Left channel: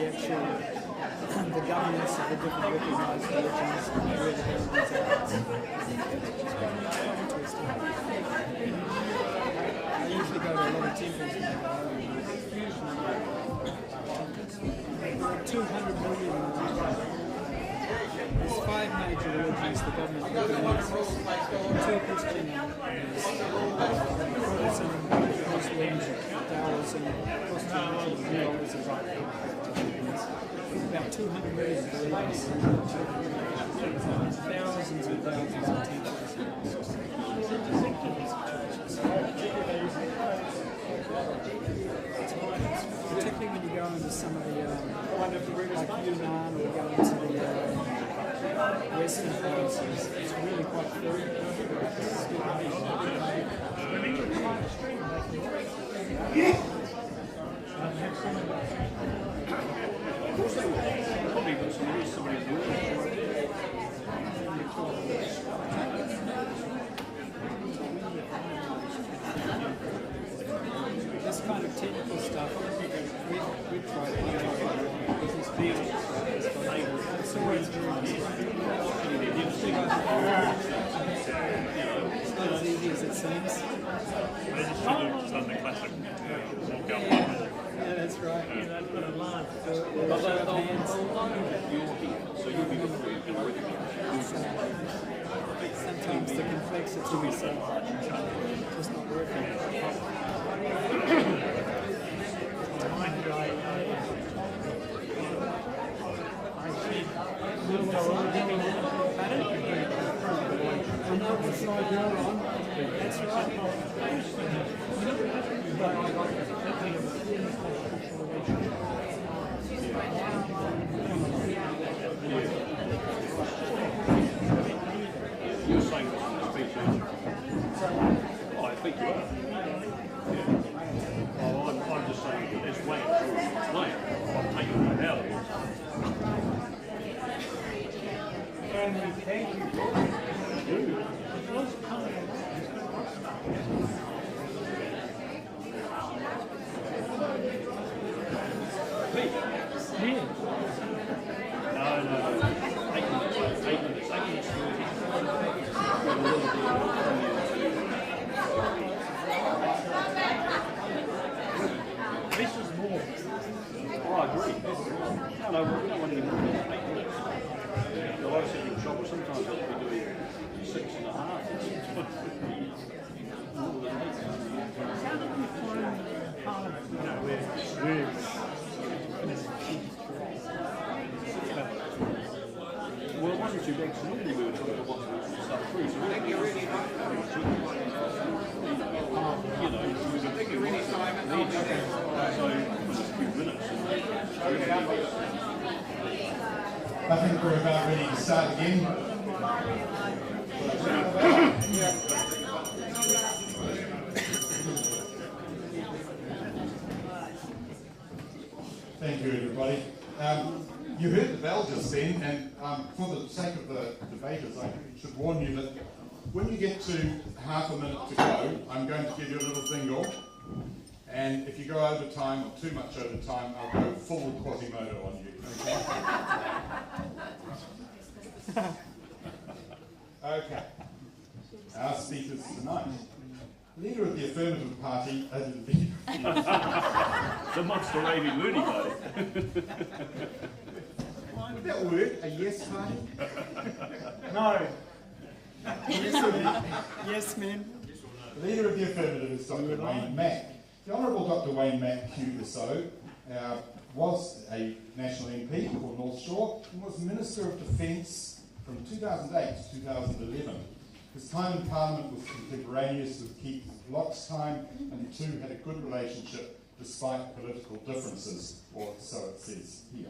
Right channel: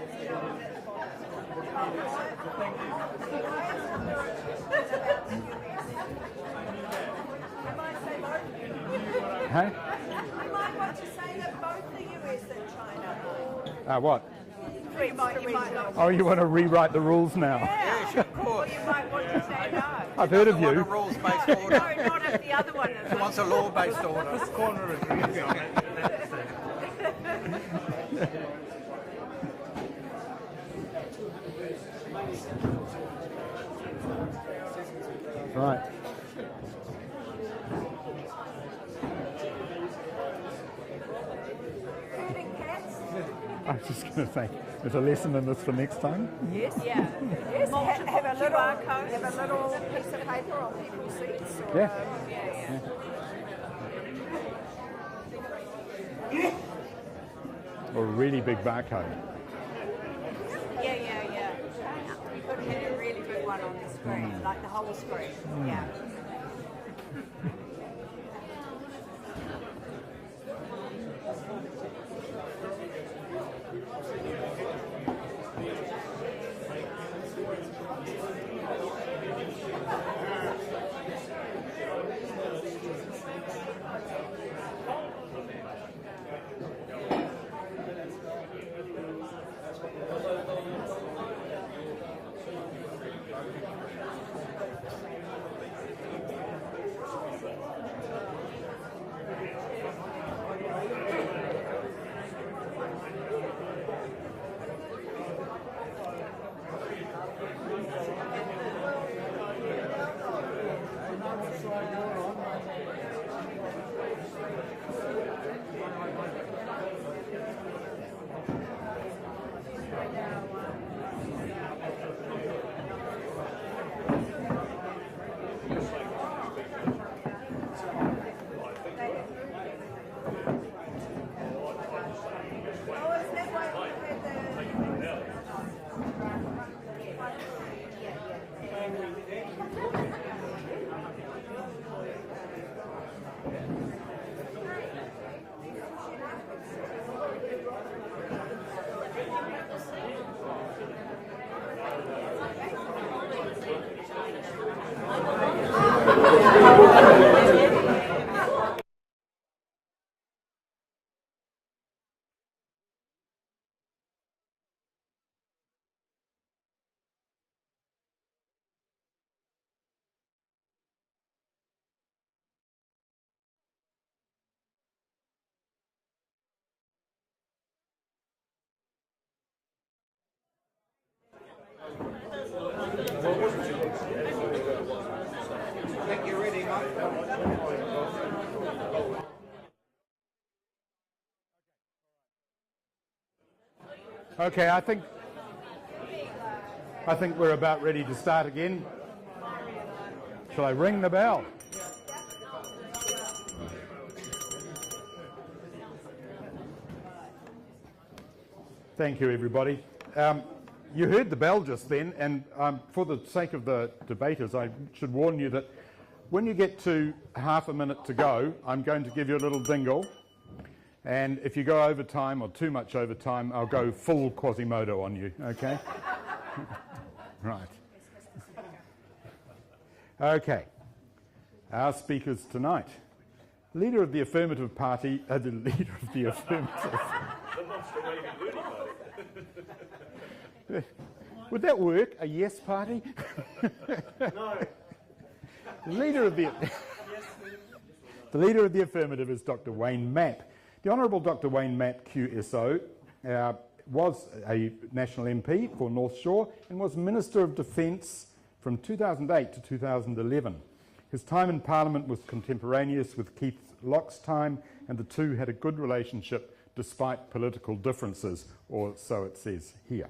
the actual the governments of the different recognised religions and where the governments are. Hey? I usually go to a lot of temples now. What? Oh, you want to rewrite the rules now? I've heard of you. What's a law based on what about 200 million thousands and thousands Right. of temples. There's a lesson in this for next time. Yeah. A really big barcode. This kind of technical stuff, we try it's not as easy as it seems. Yeah, that's right. Sometimes the complexity is just not working. Okay, I think we're about ready to start again. Shall I ring the bell? Yeah. Thank you, everybody. You heard the bell just then, and for the sake of the debaters, I should warn you that when you get to half a minute to go, I'm going to give you a little dingle. And if you go over time or too much over time, I'll go full Quasimodo on you, okay? Right. Okay. Our speakers tonight. Leader of the Affirmative Party, the leader of the Affirmative. The monster raving loony party. Would that work? A yes party? No. Leader of the Yes, ma'am. The leader of the Affirmative is Dr. Wayne Mapp. The Honourable Dr. Wayne Mapp, QSO, was a National MP for North Shore and was Minister of Defence from 2008 to 2011. His time in Parliament was contemporaneous with Keith Locke's time, and the two had a good relationship despite political differences, or so it says here.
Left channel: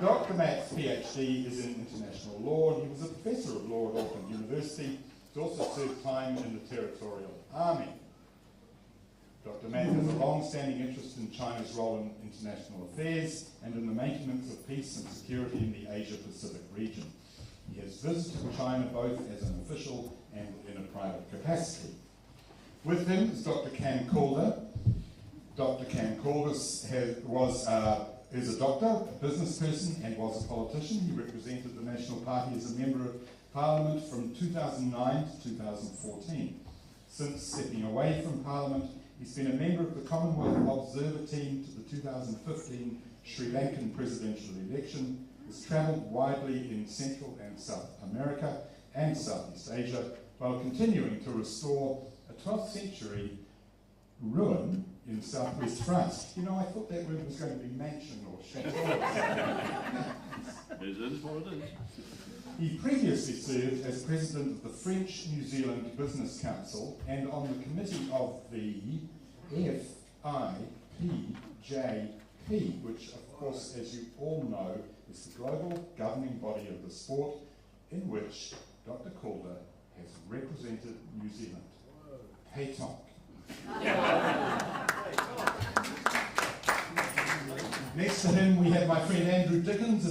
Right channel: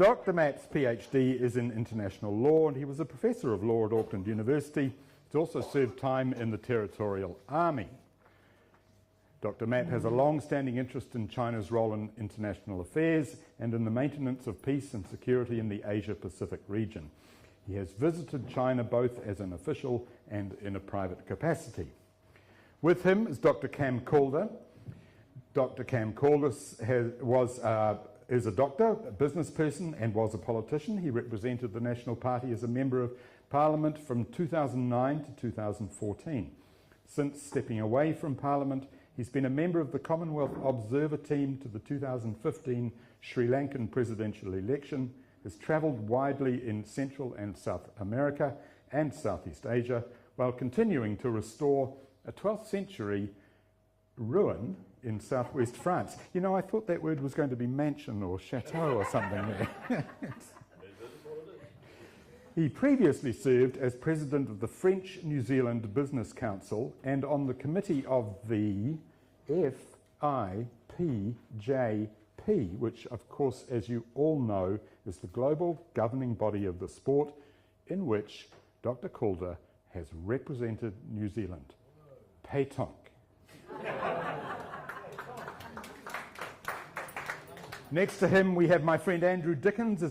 Dr. Mapp's PhD is in international law, and he was a professor of law at Auckland University. He's also served time in the Territorial Army. Dr. Mapp has a long-standing interest in China's role in international affairs and in the maintenance of peace and security in the Asia-Pacific region. He has visited China both as an official and in a private capacity. With him is Dr. Calder, Dr. Cam Calder is a doctor, a business person, and was a politician. He represented the National Party as a Member of Parliament from 2009 to 2014. Since stepping away from Parliament, he's been a member of the Commonwealth Observer Team to the 2015 Sri Lankan presidential election, has travelled widely in Central and South America and Southeast Asia, while continuing to restore a 12th century ruin in southwest France. You know, I thought that word was going to be mansion or chateau or something. It is what it is. He previously served as president of the French New Zealand Business Council and on the committee of the FIPJP, which, of course, as you all know, is the global governing body of the sport in which Dr. Calder has represented New Zealand. Paytonk. Next to him, we have my friend Andrew Dickens, who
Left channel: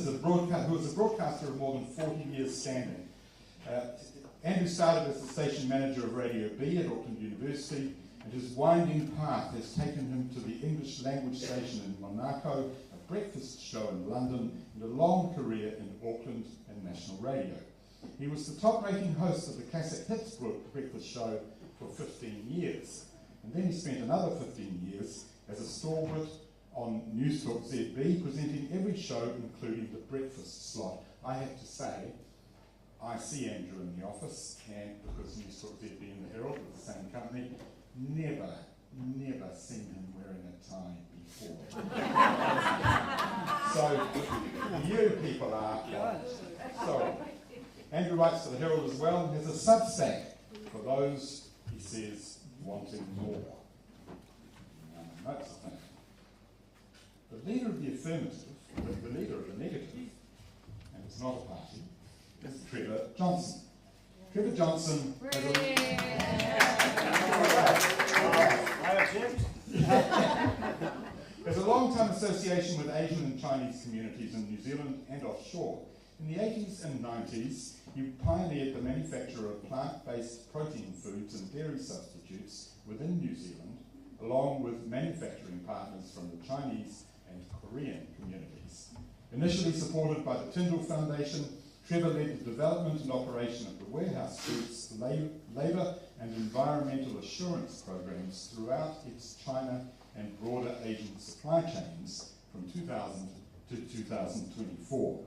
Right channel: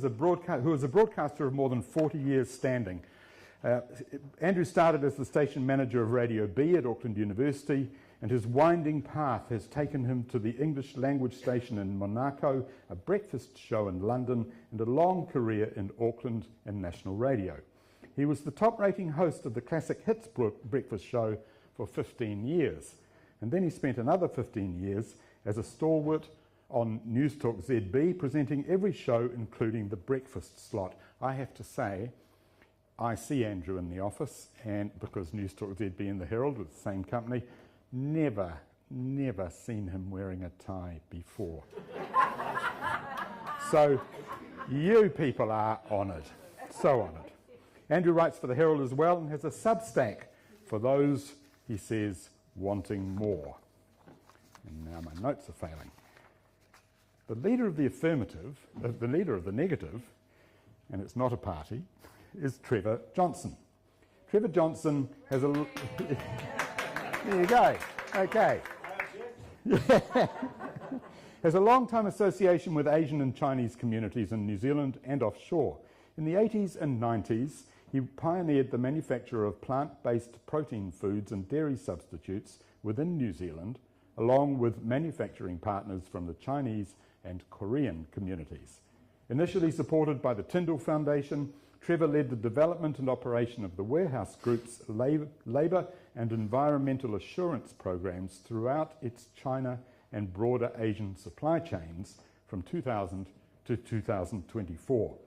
is a broadcaster of more than 40 years standing. Andrew started as the station manager of Radio B at Auckland University, and his winding path has taken him to the English language station in Monaco, a breakfast show in London, and a long career in Auckland and national radio. He was the top-rating host of the Classic Hits breakfast show for 15 years, and then he spent another 15 years as a stalwart on News Talk ZB, presenting every show, including the breakfast slot. I have to say, I see Andrew in the office, and because News Talk ZB and the Herald are the same company, never seen him wearing a tie before. So, you people are honoured, so honoured. Andrew writes for the Herald as well as a Substack for those, he says, wanting more. And now my notes are failing. The leader of the affirmative, the leader of the negative, and it's not a party, is Trevor Johnston. Trevor Johnston has a... Here we go. Okay. Has a long-time association with Asian and Chinese communities in New Zealand and offshore. In the 80s and 90s, he pioneered the manufacture of plant-based protein foods and dairy substitutes within New Zealand, along with manufacturing partners from the Chinese and Korean communities. Initially supported by the Tyndall Foundation, Trevor led the development and operation of the Warehouse Group's labour and environmental assurance programs throughout its China and broader Asian supply chains from 2000 to 2024.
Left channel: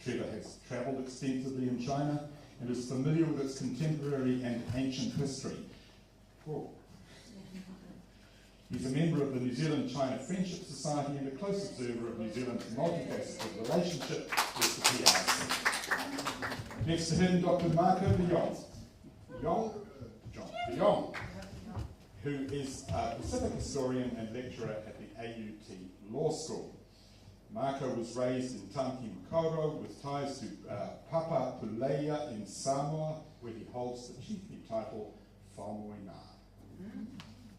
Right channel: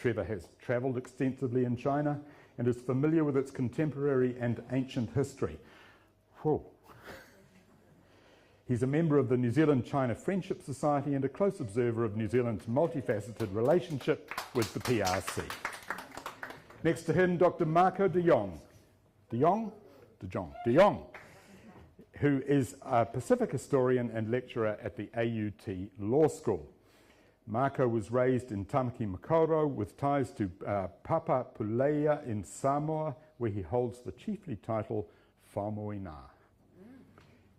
Trevor has travelled extensively in China and is familiar with its contemporary and ancient history. Whoa. He's a member of the New Zealand-China Friendship Society and a close observer of New Zealand's multifaceted relationship with the PRC. Next to him, Dr. Marco de Jong, who is a Pacific historian and lecturer at the AUT Law School. Marco was raised in Tamaki Makaurau with ties to Papapuleia in Samoa, where he holds the chiefly title Whamoina.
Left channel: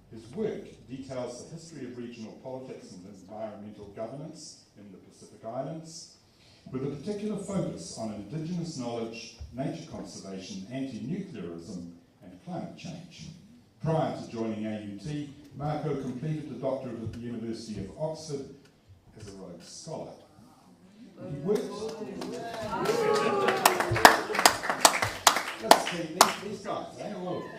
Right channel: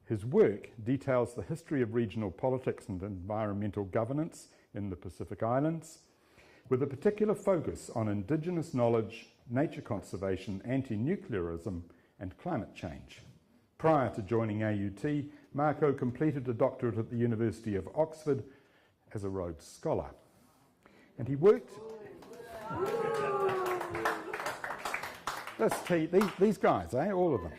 His work details the history of regional politics and environmental governance in the Pacific Islands, with a particular focus on Indigenous knowledge, nature conservation, anti-nuclearism, and climate change. Prior to joining AUT, Marco completed a doctorate at the University of Oxford as a Rhodes Scholar. And he worked... these guys, all of them.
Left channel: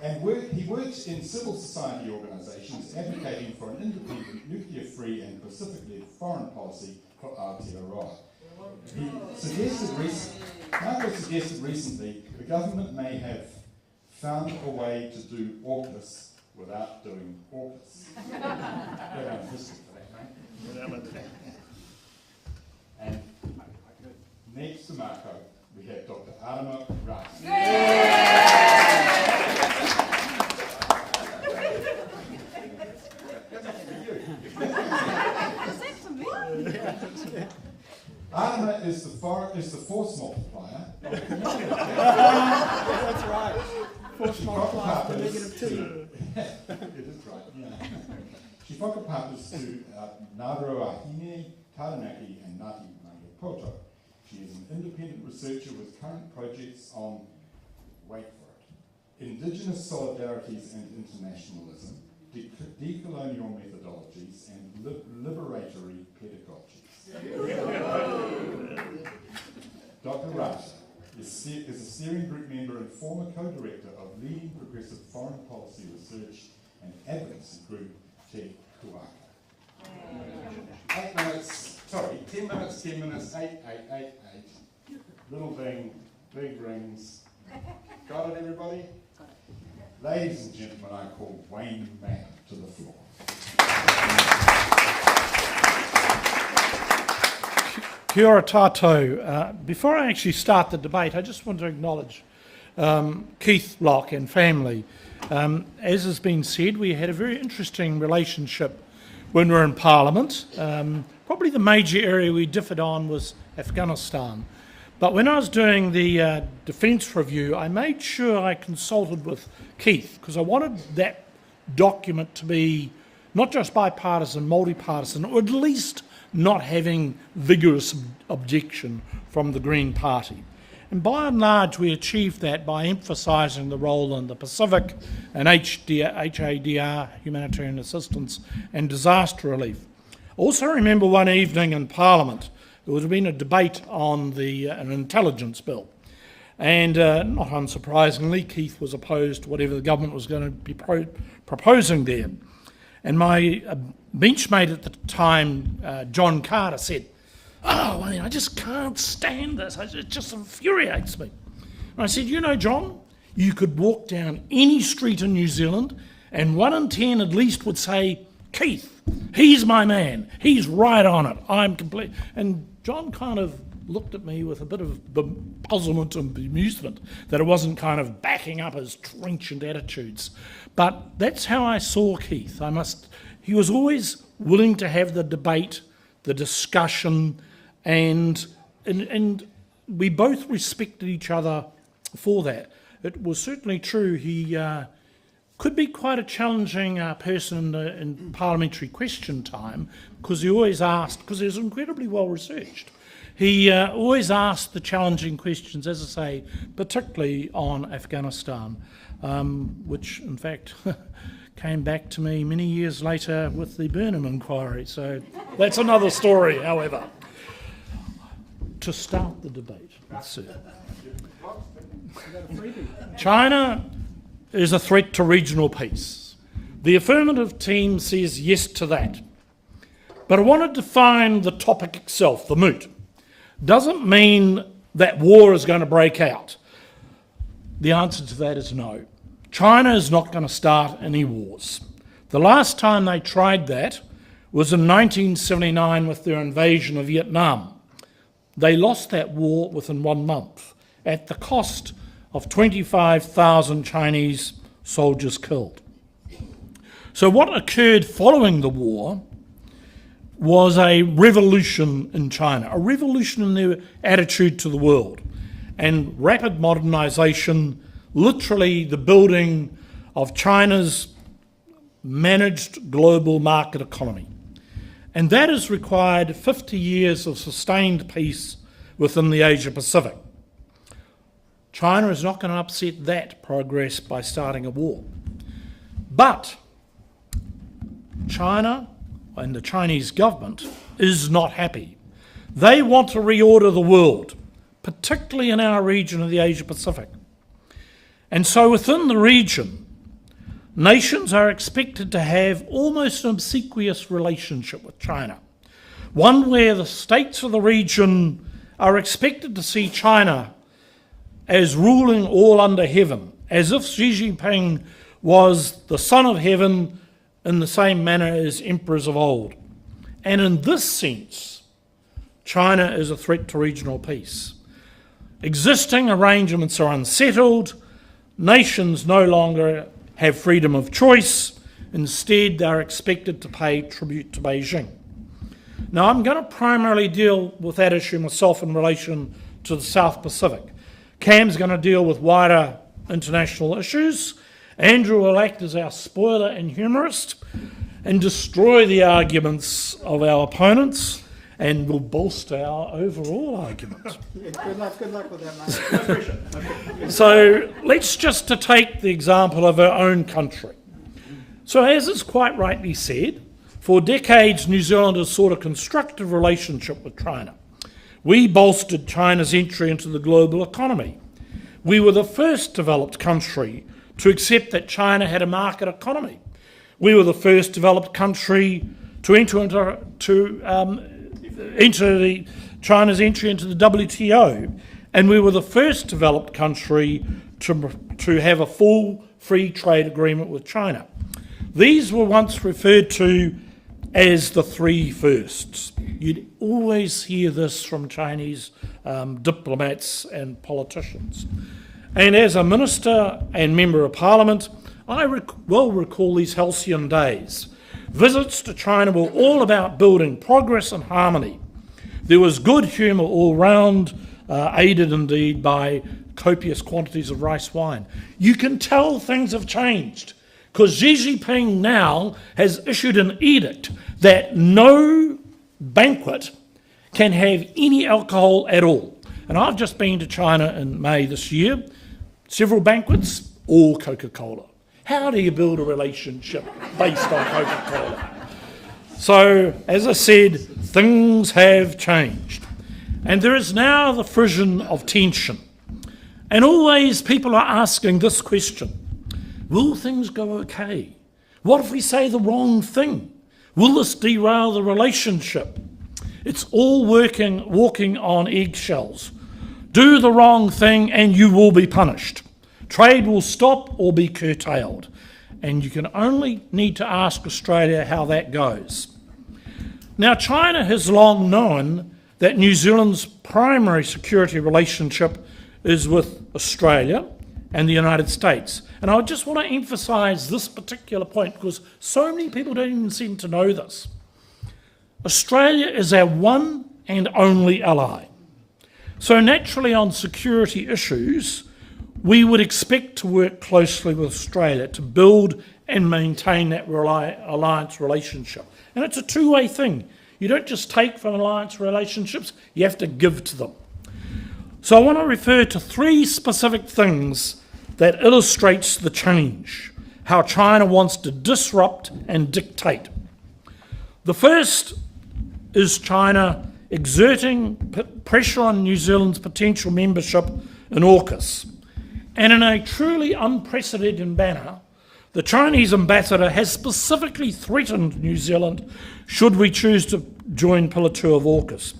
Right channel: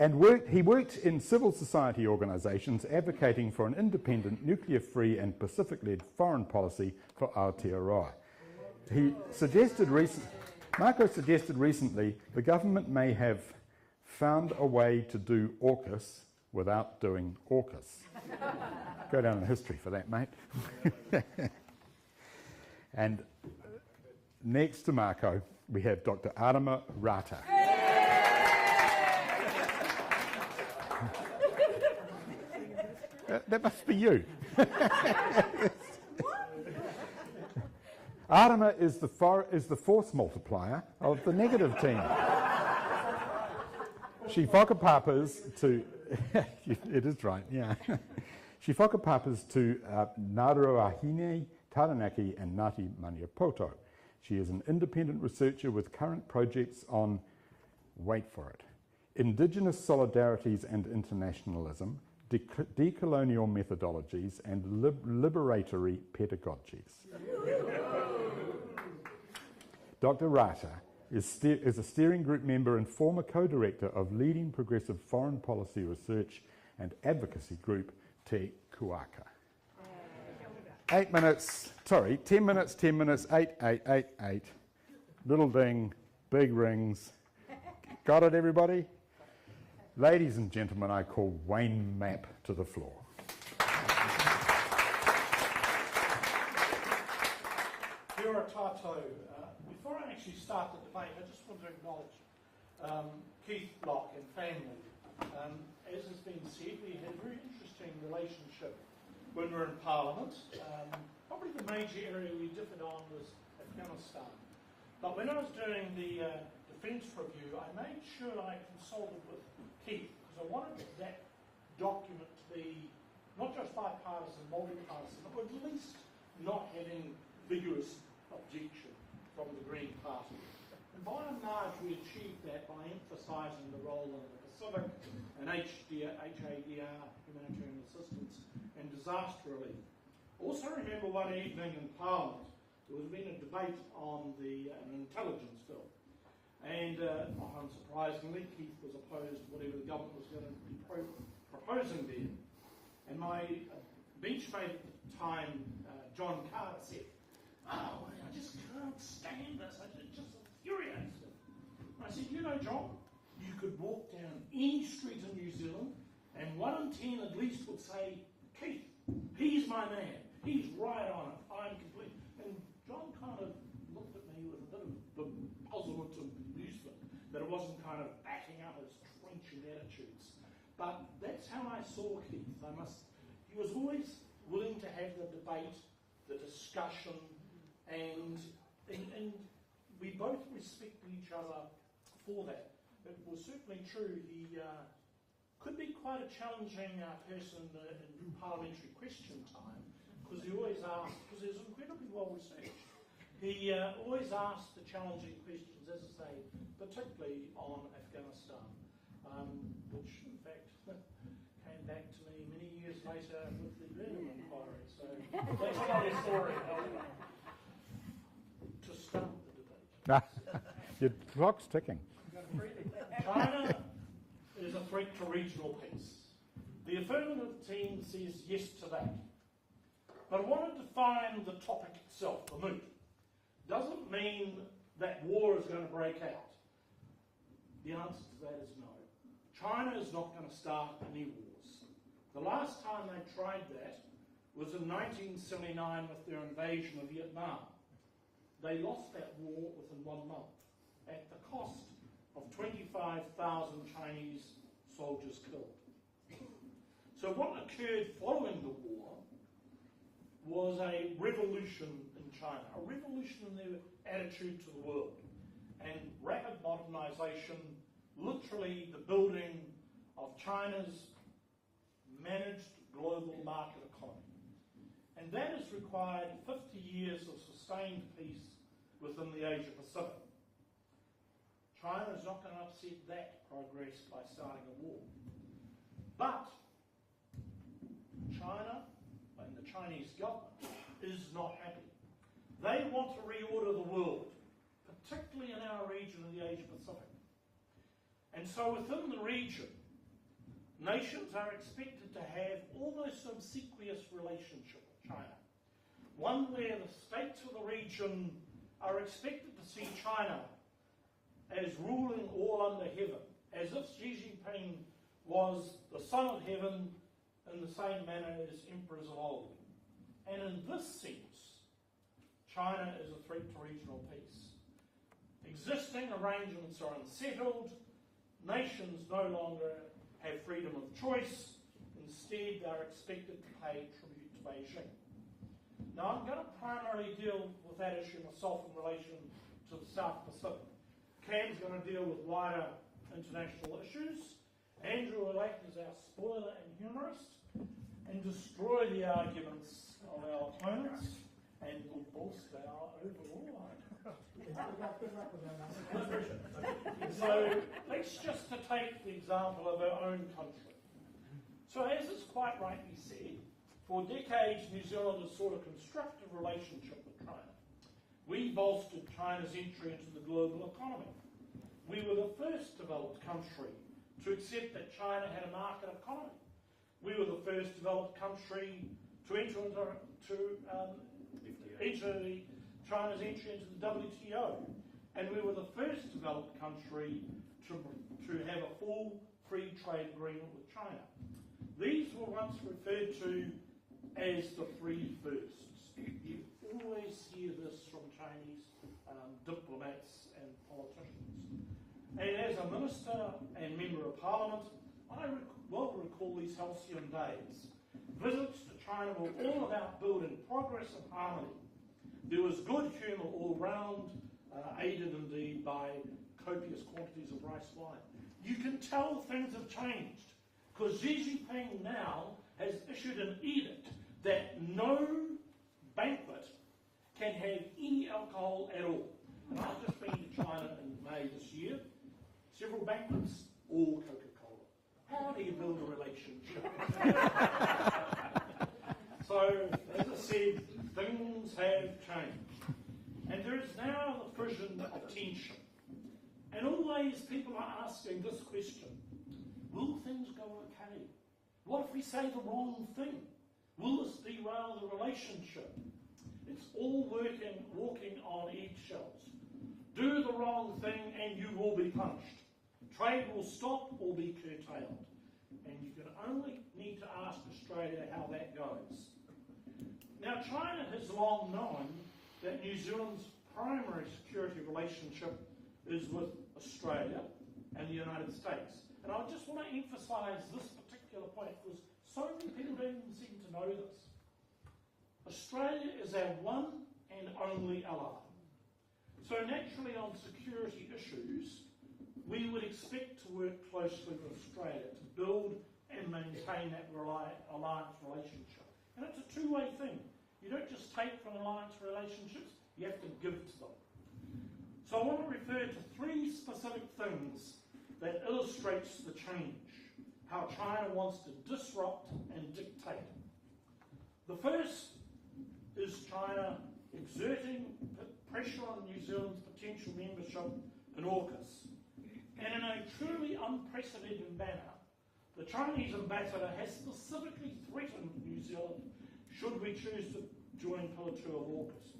And he worked in civil society organisations advocating for an independent, nuclear-free and Pacific-led foreign policy for Aotearoa. Marco suggested recently the government may have found a way to do AUKUS without doing AUKUS. Go down in history for that, mate. And next to Marco, we have Dr. Arama Rata. That must be you. Arama is the force multiplier of the negative team. That's right. She whakapapas to... It is right, yeah. She whakapapas to Ngāruawāhine, Taranaki and Ngāti Maniapoto. She is an independent researcher with current projects on, wait for it, Indigenous solidarities and internationalism, decolonial methodologies and liberatory pedagogies. Dr. Rata is a steering group member and former co-director of leading progressive foreign policy research and advocacy group Te Kuaka. 8 minutes, sorry, 10 minutes, 10 minutes, 8, 8, 8, 8. Little ding, big rings. Got it, everybody? Ladies and gentlemen, I call Wayne Mapp to the floor. Kia ora tātou. Before I actually start the debate, I just want to acknowledge Keith Locke and family. As has been said, we had a very interesting relationship when we were in Parliament. Probably the major area we differed on was Afghanistan. But when I was doing the defence review, I made sure I consulted with Keith, because I wanted that document to be not just bipartisan, multi-partisan, or at least not having vigorous objection from the Green Party. And by and large, we achieved that by emphasising the role in the Pacific and HADR, humanitarian assistance, and disaster relief. Also remember one evening in Parliament, there would have been a debate on an intelligence bill. And not unsurprisingly, Keith was opposed to whatever the government was going to be proposing there. And my benchmate at the time, John Calder, said, "Oh, I just can't stand this. It just infuriates me." And I said, "You know, John, you could walk down any street in New Zealand and 1 in 10 at least would say, 'Keith, he's my man. He's right on it. I'm complete.'" And John kind of looked at me with a bit of puzzlement and bemusement that it wasn't kind of backing up his trenchant attitudes. But that's how I saw Keith. He was always willing to have the debate, the discussion, and we both respected each other for that. It was certainly true. He could be quite a challenging person in parliamentary question time, because he always asked, because he was incredibly well researched. He always asked the challenging questions, as I say, particularly on Afghanistan, which in fact came back to me many years later with the Burnham inquiry. So that's another story, however. To start the debate. That's it. Your clock's ticking. China is a threat to regional peace. The Affirmative team says yes to that. But I want to define the topic itself, the moot. Doesn't mean that war is going to break out. The answer to that is no. China is not going to start any wars. The last time they tried that was in 1979 with their invasion of Vietnam. They lost that war within 1 month at the cost of 25,000 Chinese soldiers killed. So what occurred following the war was a revolution in China, a revolution in their attitude to the world, and rapid modernisation, literally the building of China's managed global market economy. And that has required 50 years of sustained peace within the Asia Pacific. China is not going to upset that progress by starting a war. But China and the Chinese government is not happy. They want to reorder the world, particularly in our region of the Asia Pacific. And so within the region, nations are expected to have almost an obsequious relationship with China, one where the states of the region are expected to see China as ruling all under heaven, as if Xi Jinping was the son of heaven in the same manner as emperors of old. And in this sense, China is a threat to regional peace. Existing arrangements are unsettled. Nations no longer have freedom of choice. Instead, they're expected to pay tribute to Beijing. Now, I'm going to primarily deal with that issue myself in relation to the South Pacific. Cam's going to deal with wider international issues. Andrew will act as our spoiler and humorist and destroy the arguments of our opponents and will bolster our overall argument. Good luck with that, mate. So let's just to take the example of our own country. So as is quite rightly said, for decades New Zealand has sought a constructive relationship with China. We bolstered China's entry into the global economy. We were the first developed country to accept that China had a market economy. We were the first developed country to enter China's entry into the WTO, and we were the first developed country to have a full free trade agreement with China. These were once referred to as the three firsts. You'd always hear this from Chinese diplomats and politicians. And as a minister and member of parliament, I well recall these halcyon days. Visits to China were all about building progress and harmony. There was good humour all round, aided indeed by copious quantities of rice wine. You can tell things have changed, because Xi Jinping now has issued an edict that no banquet can have any alcohol at all. And I've just been to China in May this year, several banquets, all Coca-Cola. How do you build a relationship based on Coca-Cola? So, as I said, things have changed. And there is now the frisson of tension. And always people are asking this question: will things go okay? What if we say the wrong thing? Will this derail the relationship? It's all walking on eggshells. Do the wrong thing and you will be punished. Trade will stop or be curtailed. And you can only need to ask Australia how that goes. Now, China has long known that New Zealand's primary security relationship is with Australia and the United States. And I just want to emphasise this particular point because so many people don't even seem to know this. Australia is our one and only ally. So naturally on security issues, we would expect to work closely with Australia to build and maintain that alliance relationship. And it's a two-way thing. You don't just take from alliance relationships, you have to give to them. So I want to refer to three specific things that illustrates the change, how China wants to disrupt and dictate. The first is China exerting pressure on New Zealand's potential membership in AUKUS. And in a truly unprecedented manner, the Chinese ambassador has specifically threatened New Zealand should we choose to join Pillar 2 of AUKUS.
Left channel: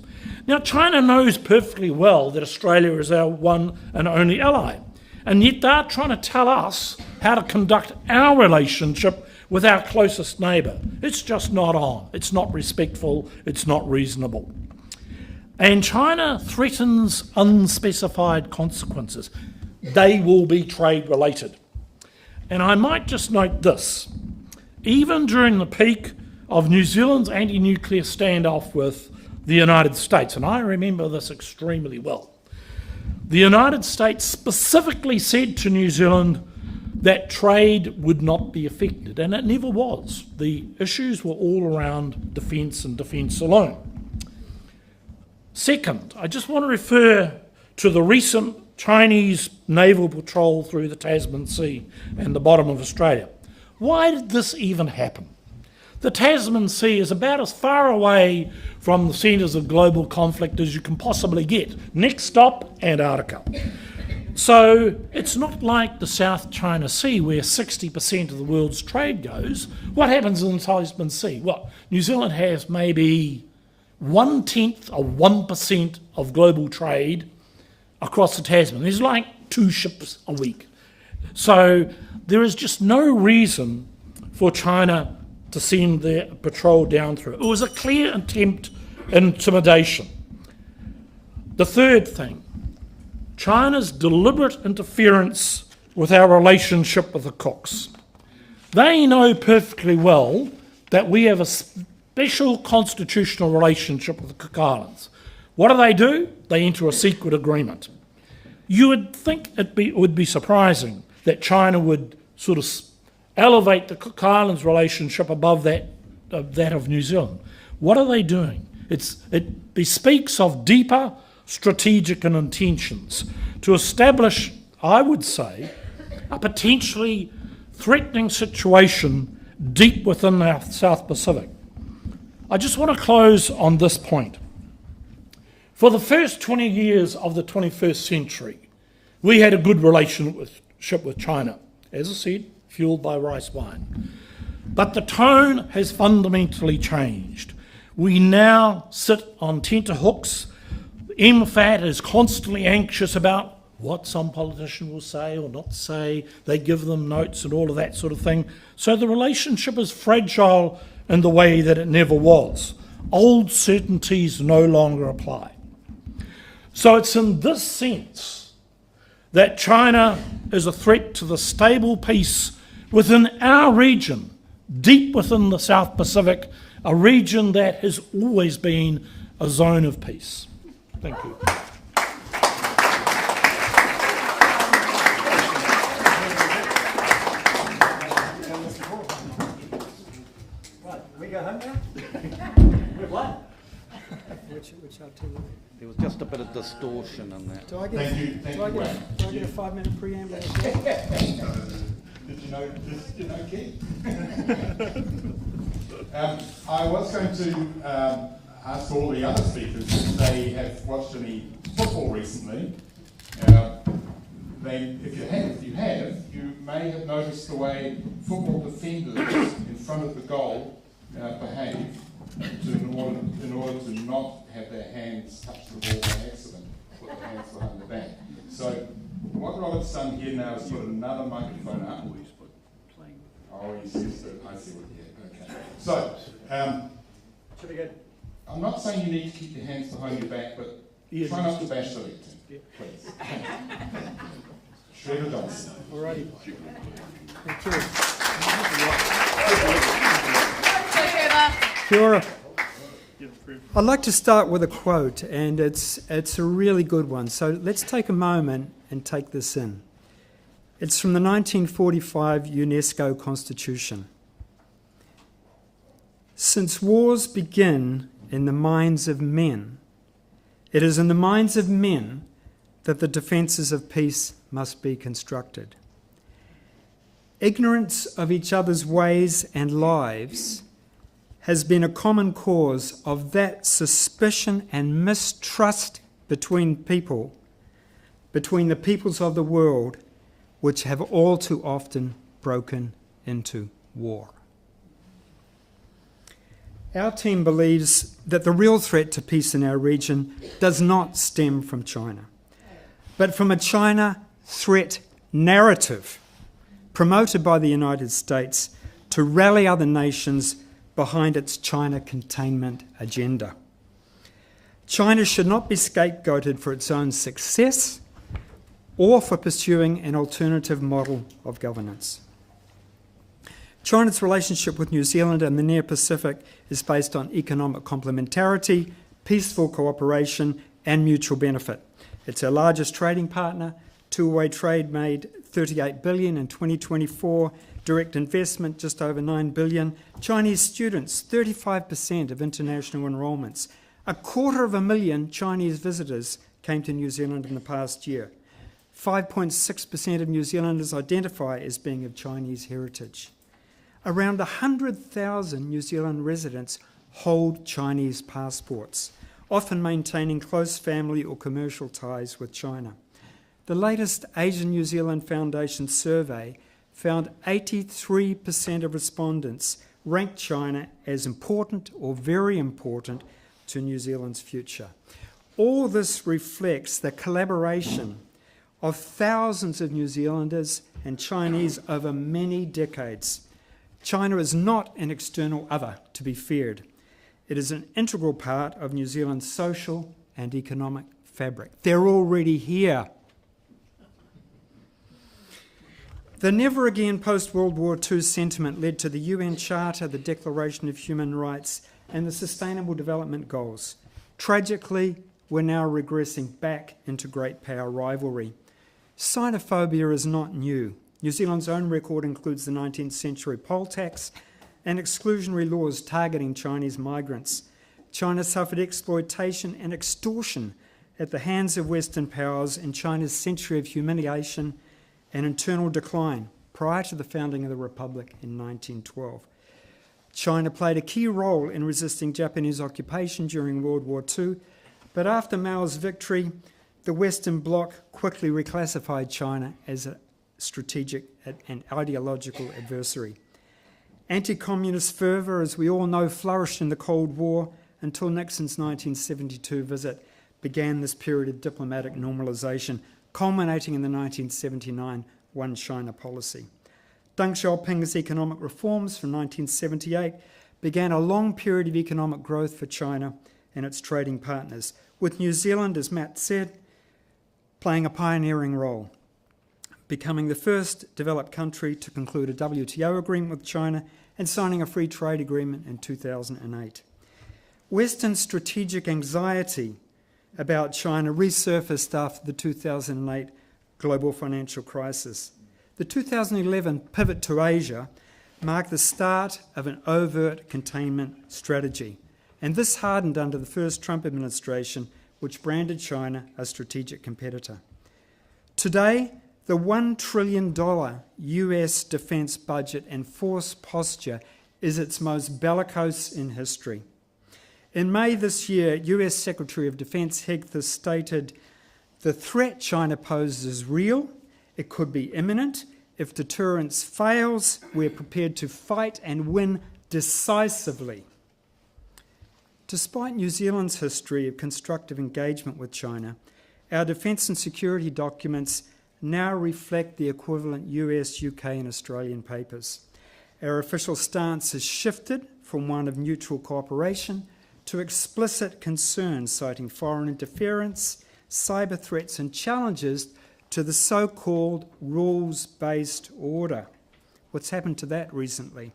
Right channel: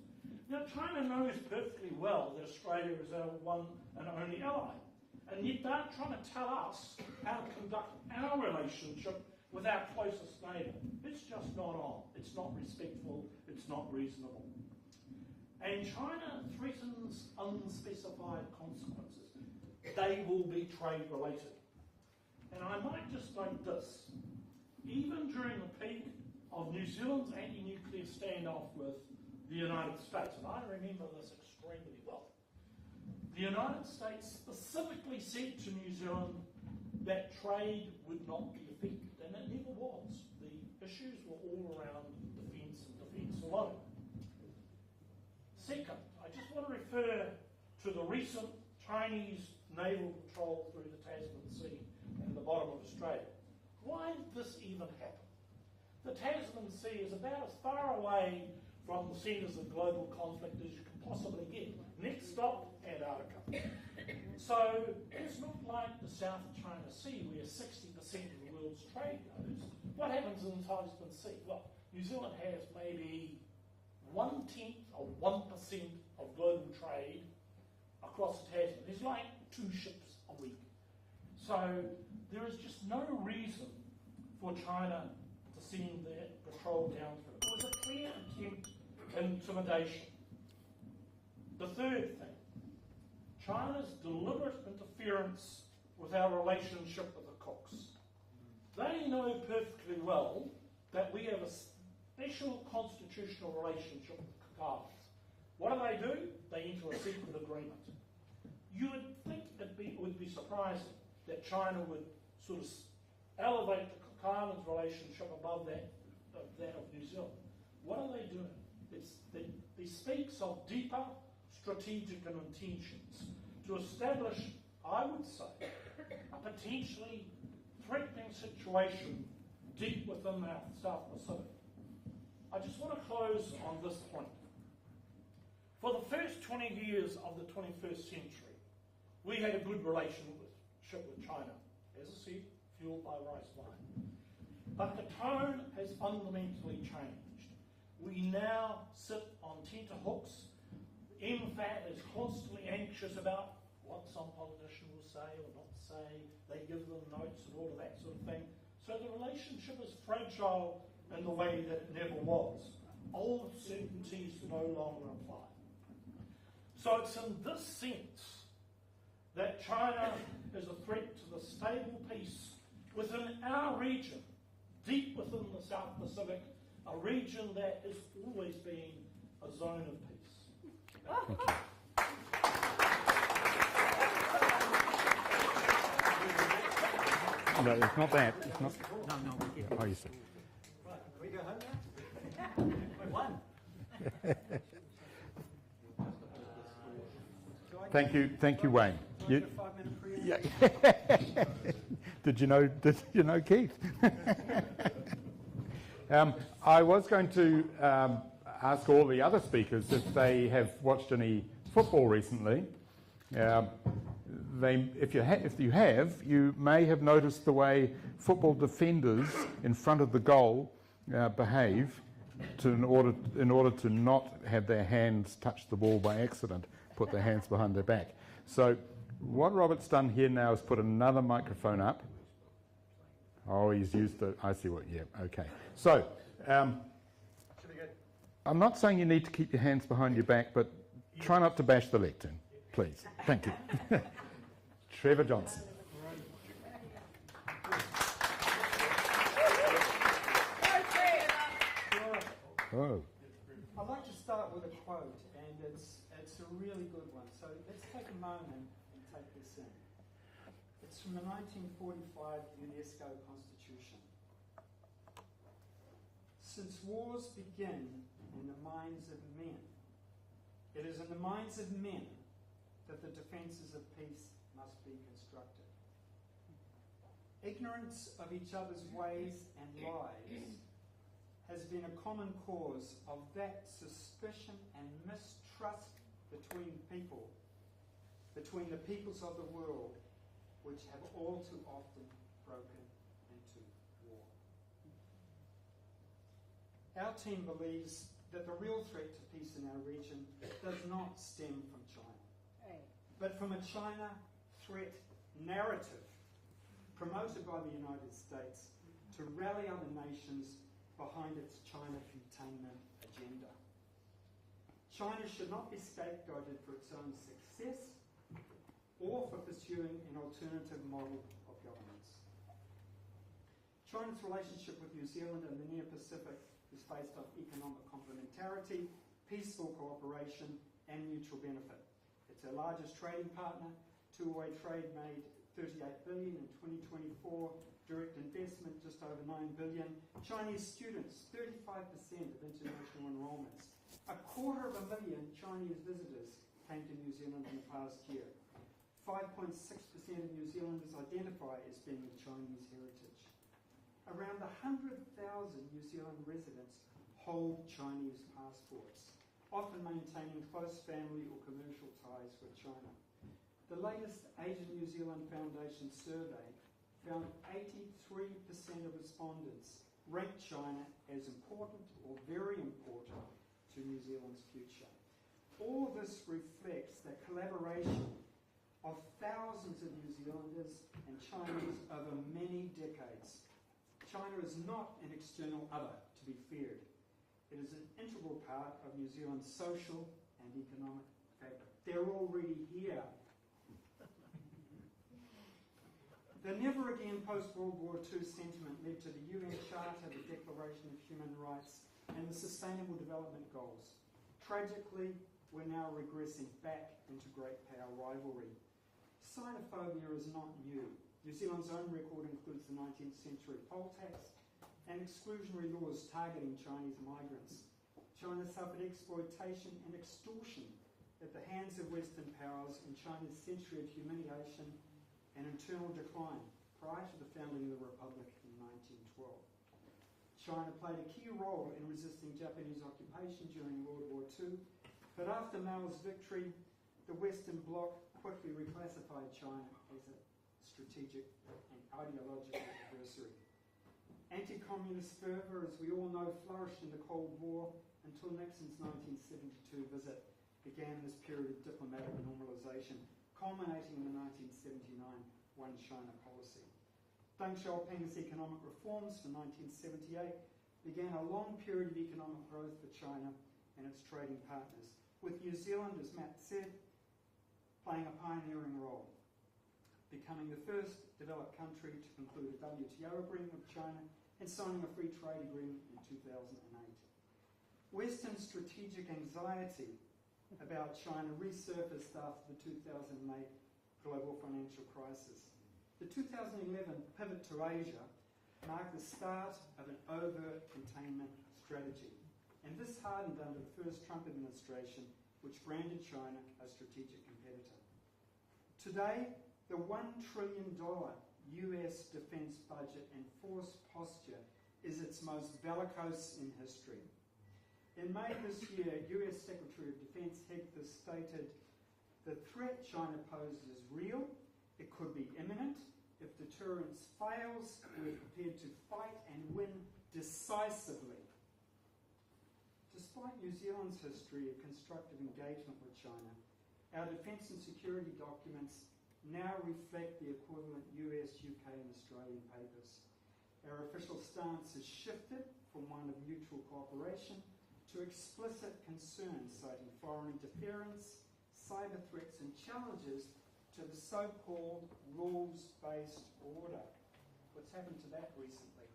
Now, China knows perfectly well that Australia is our one and only ally, and yet they're trying to tell us how to conduct our relationship with our closest neighbour. It's just not on. It's not respectful. It's not reasonable. And China threatens unspecified consequences. They will be trade-related. And I might just note this. Even during the peak of New Zealand's anti-nuclear standoff with the United States, and I remember this extremely well, the United States specifically said to New Zealand that trade would not be affected, and it never was. The issues were all around defence and defence alone. Second, I just want to refer to the recent Chinese naval patrol through the Tasman Sea and the bottom of Australia. Why did this even happen? The Tasman Sea is about as far away from the centres of global conflict as you can possibly get. Next stop, Antarctica. So it's not like the South China Sea where 60% of the world's trade goes. What happens in the Tasman Sea? Well, New Zealand has maybe 1/10 of 1% of global trade across the Tasman. There's like 2 ships a week. So there is just no reason for China to send their patrol down through. It was a clear attempt at intimidation. The third thing, China's deliberate interference with our relationship with the Cooks. They know perfectly well that we have a special constitutional relationship with the Cook Islands. What do? They enter a secret agreement. You would think it would be surprising that China would sort of elevate the Cook Islands relationship above that of New Zealand. What are they doing? It bespeaks of deeper strategic intentions to establish, I would say, a potentially threatening situation deep within the South Pacific. I just want to close on this point. For the first 20 years of the 21st century, we had a good relationship with China, as I said, fueled by rice wine. But the tone has fundamentally changed. We now sit on tenterhooks. MFAT is constantly anxious about what some politician will say or not say. They give them notes and all of that sort of thing. So the relationship is fragile in the way that it never was. Old certainties no longer apply. So it's in this sense that China is a threat to the stable peace within our region, deep within the South Pacific, a region that has always been a zone of peace. Thank you. We go home now? What? There was just a bit of distortion in that. Do I get, Thank you, Wayne. do I get a 5-minute preamble? Did you know Keith? I was going to ask all the other speakers if they have watched any football recently. If you have, you may have noticed the way football defenders in front of the goal behave in order to not have their hands touch the ball by accident, put their hands behind their back. So what Robert's done here now is put another microphone up. Oh, he's used to it. I see what, yeah, okay. So, I'm not saying you need to keep your hands behind your back, but try not to bash the leg team, please. Thank you. Trevor Johnston. Alrighty. Thank you. Kia ora. I'd like to start with a quote, and it's a really good one. So let's take a moment and take this in. It's from the 1945 UNESCO Constitution. Since wars begin in the minds of men, it is in the minds of men that the defences of peace must be constructed. Ignorance of each other's ways and lives has been a common cause of that suspicion and mistrust between the peoples of the world, which have all too often broken into war. Our team believes that the real threat to peace in our region does not stem from China, but from a China threat narrative promoted by the United States to rally other nations behind its China containment agenda. China should not be scapegoated for its own success or for pursuing an alternative model of governance. China's relationship with New Zealand and the near Pacific is based on economic complementarity, peaceful cooperation, and mutual benefit. It's our largest trading partner. Two-way trade made $38 billion in 2024, direct investment just over $9 billion. Chinese students, 35% of international enrolments. 250,000 Chinese visitors came to New Zealand in the past year. 5.6% of New Zealanders identify as being of Chinese heritage. Around 100,000 New Zealand residents hold Chinese passports, often maintaining close family or commercial ties with China. The latest Asian New Zealand Foundation survey found 83% of respondents ranked China as important or very important to New Zealand's future. All this reflects the collaboration of thousands of New Zealanders and Chinese over many decades. China is not an external other to be feared. It is an integral part of New Zealand's social and economic fabric. They're already here. The never again post-World War II sentiment led to the UN Charter, the Declaration of Human Rights, and the Sustainable Development Goals. Tragically, we're now regressing back into great power rivalry. Sinophobia is not new. New Zealand's own record includes the 19th century poll tax and exclusionary laws targeting Chinese migrants. China suffered exploitation and extortion at the hands of Western powers in China's century of humiliation and internal decline. prior to the founding of the Republic in 1912. China played a key role in resisting Japanese occupation during World War II, but after Mao's victory, the Western Bloc quickly reclassified China as a strategic and ideological adversary. Anti-communist fervour, as we all know, flourished in the Cold War until Nixon's 1972 visit began this period of diplomatic normalisation, culminating in the 1979 One China policy. Deng Xiaoping's economic reforms from 1978 began a long period of economic growth for China and its trading partners, with New Zealand, as Matt said, playing a pioneering role, becoming the first developed country to conclude a WTO agreement with China and signing a free trade agreement in 2008. Western strategic anxiety about China resurfaced after the 2008 global financial crisis. The 2011 pivot to Asia marked the start of an overt containment strategy, and this hardened under the first Trump administration, which branded China a strategic competitor. Today, the $1 trillion US defence budget and force posture is its most bellicose in history. In May this year, US Secretary of Defence Hegseth has stated, "The threat China poses is real, it could be imminent. If deterrence fails, we're prepared to fight and win decisively." Despite New Zealand's history of constructive engagement with China, our defence and security documents now reflect the equivalent US, UK and Australian papers. Our official stance has shifted from one of neutral cooperation to explicit concerns, citing foreign interference, cyber threats and challenges to the so-called rules-based order. What's happened to that recently?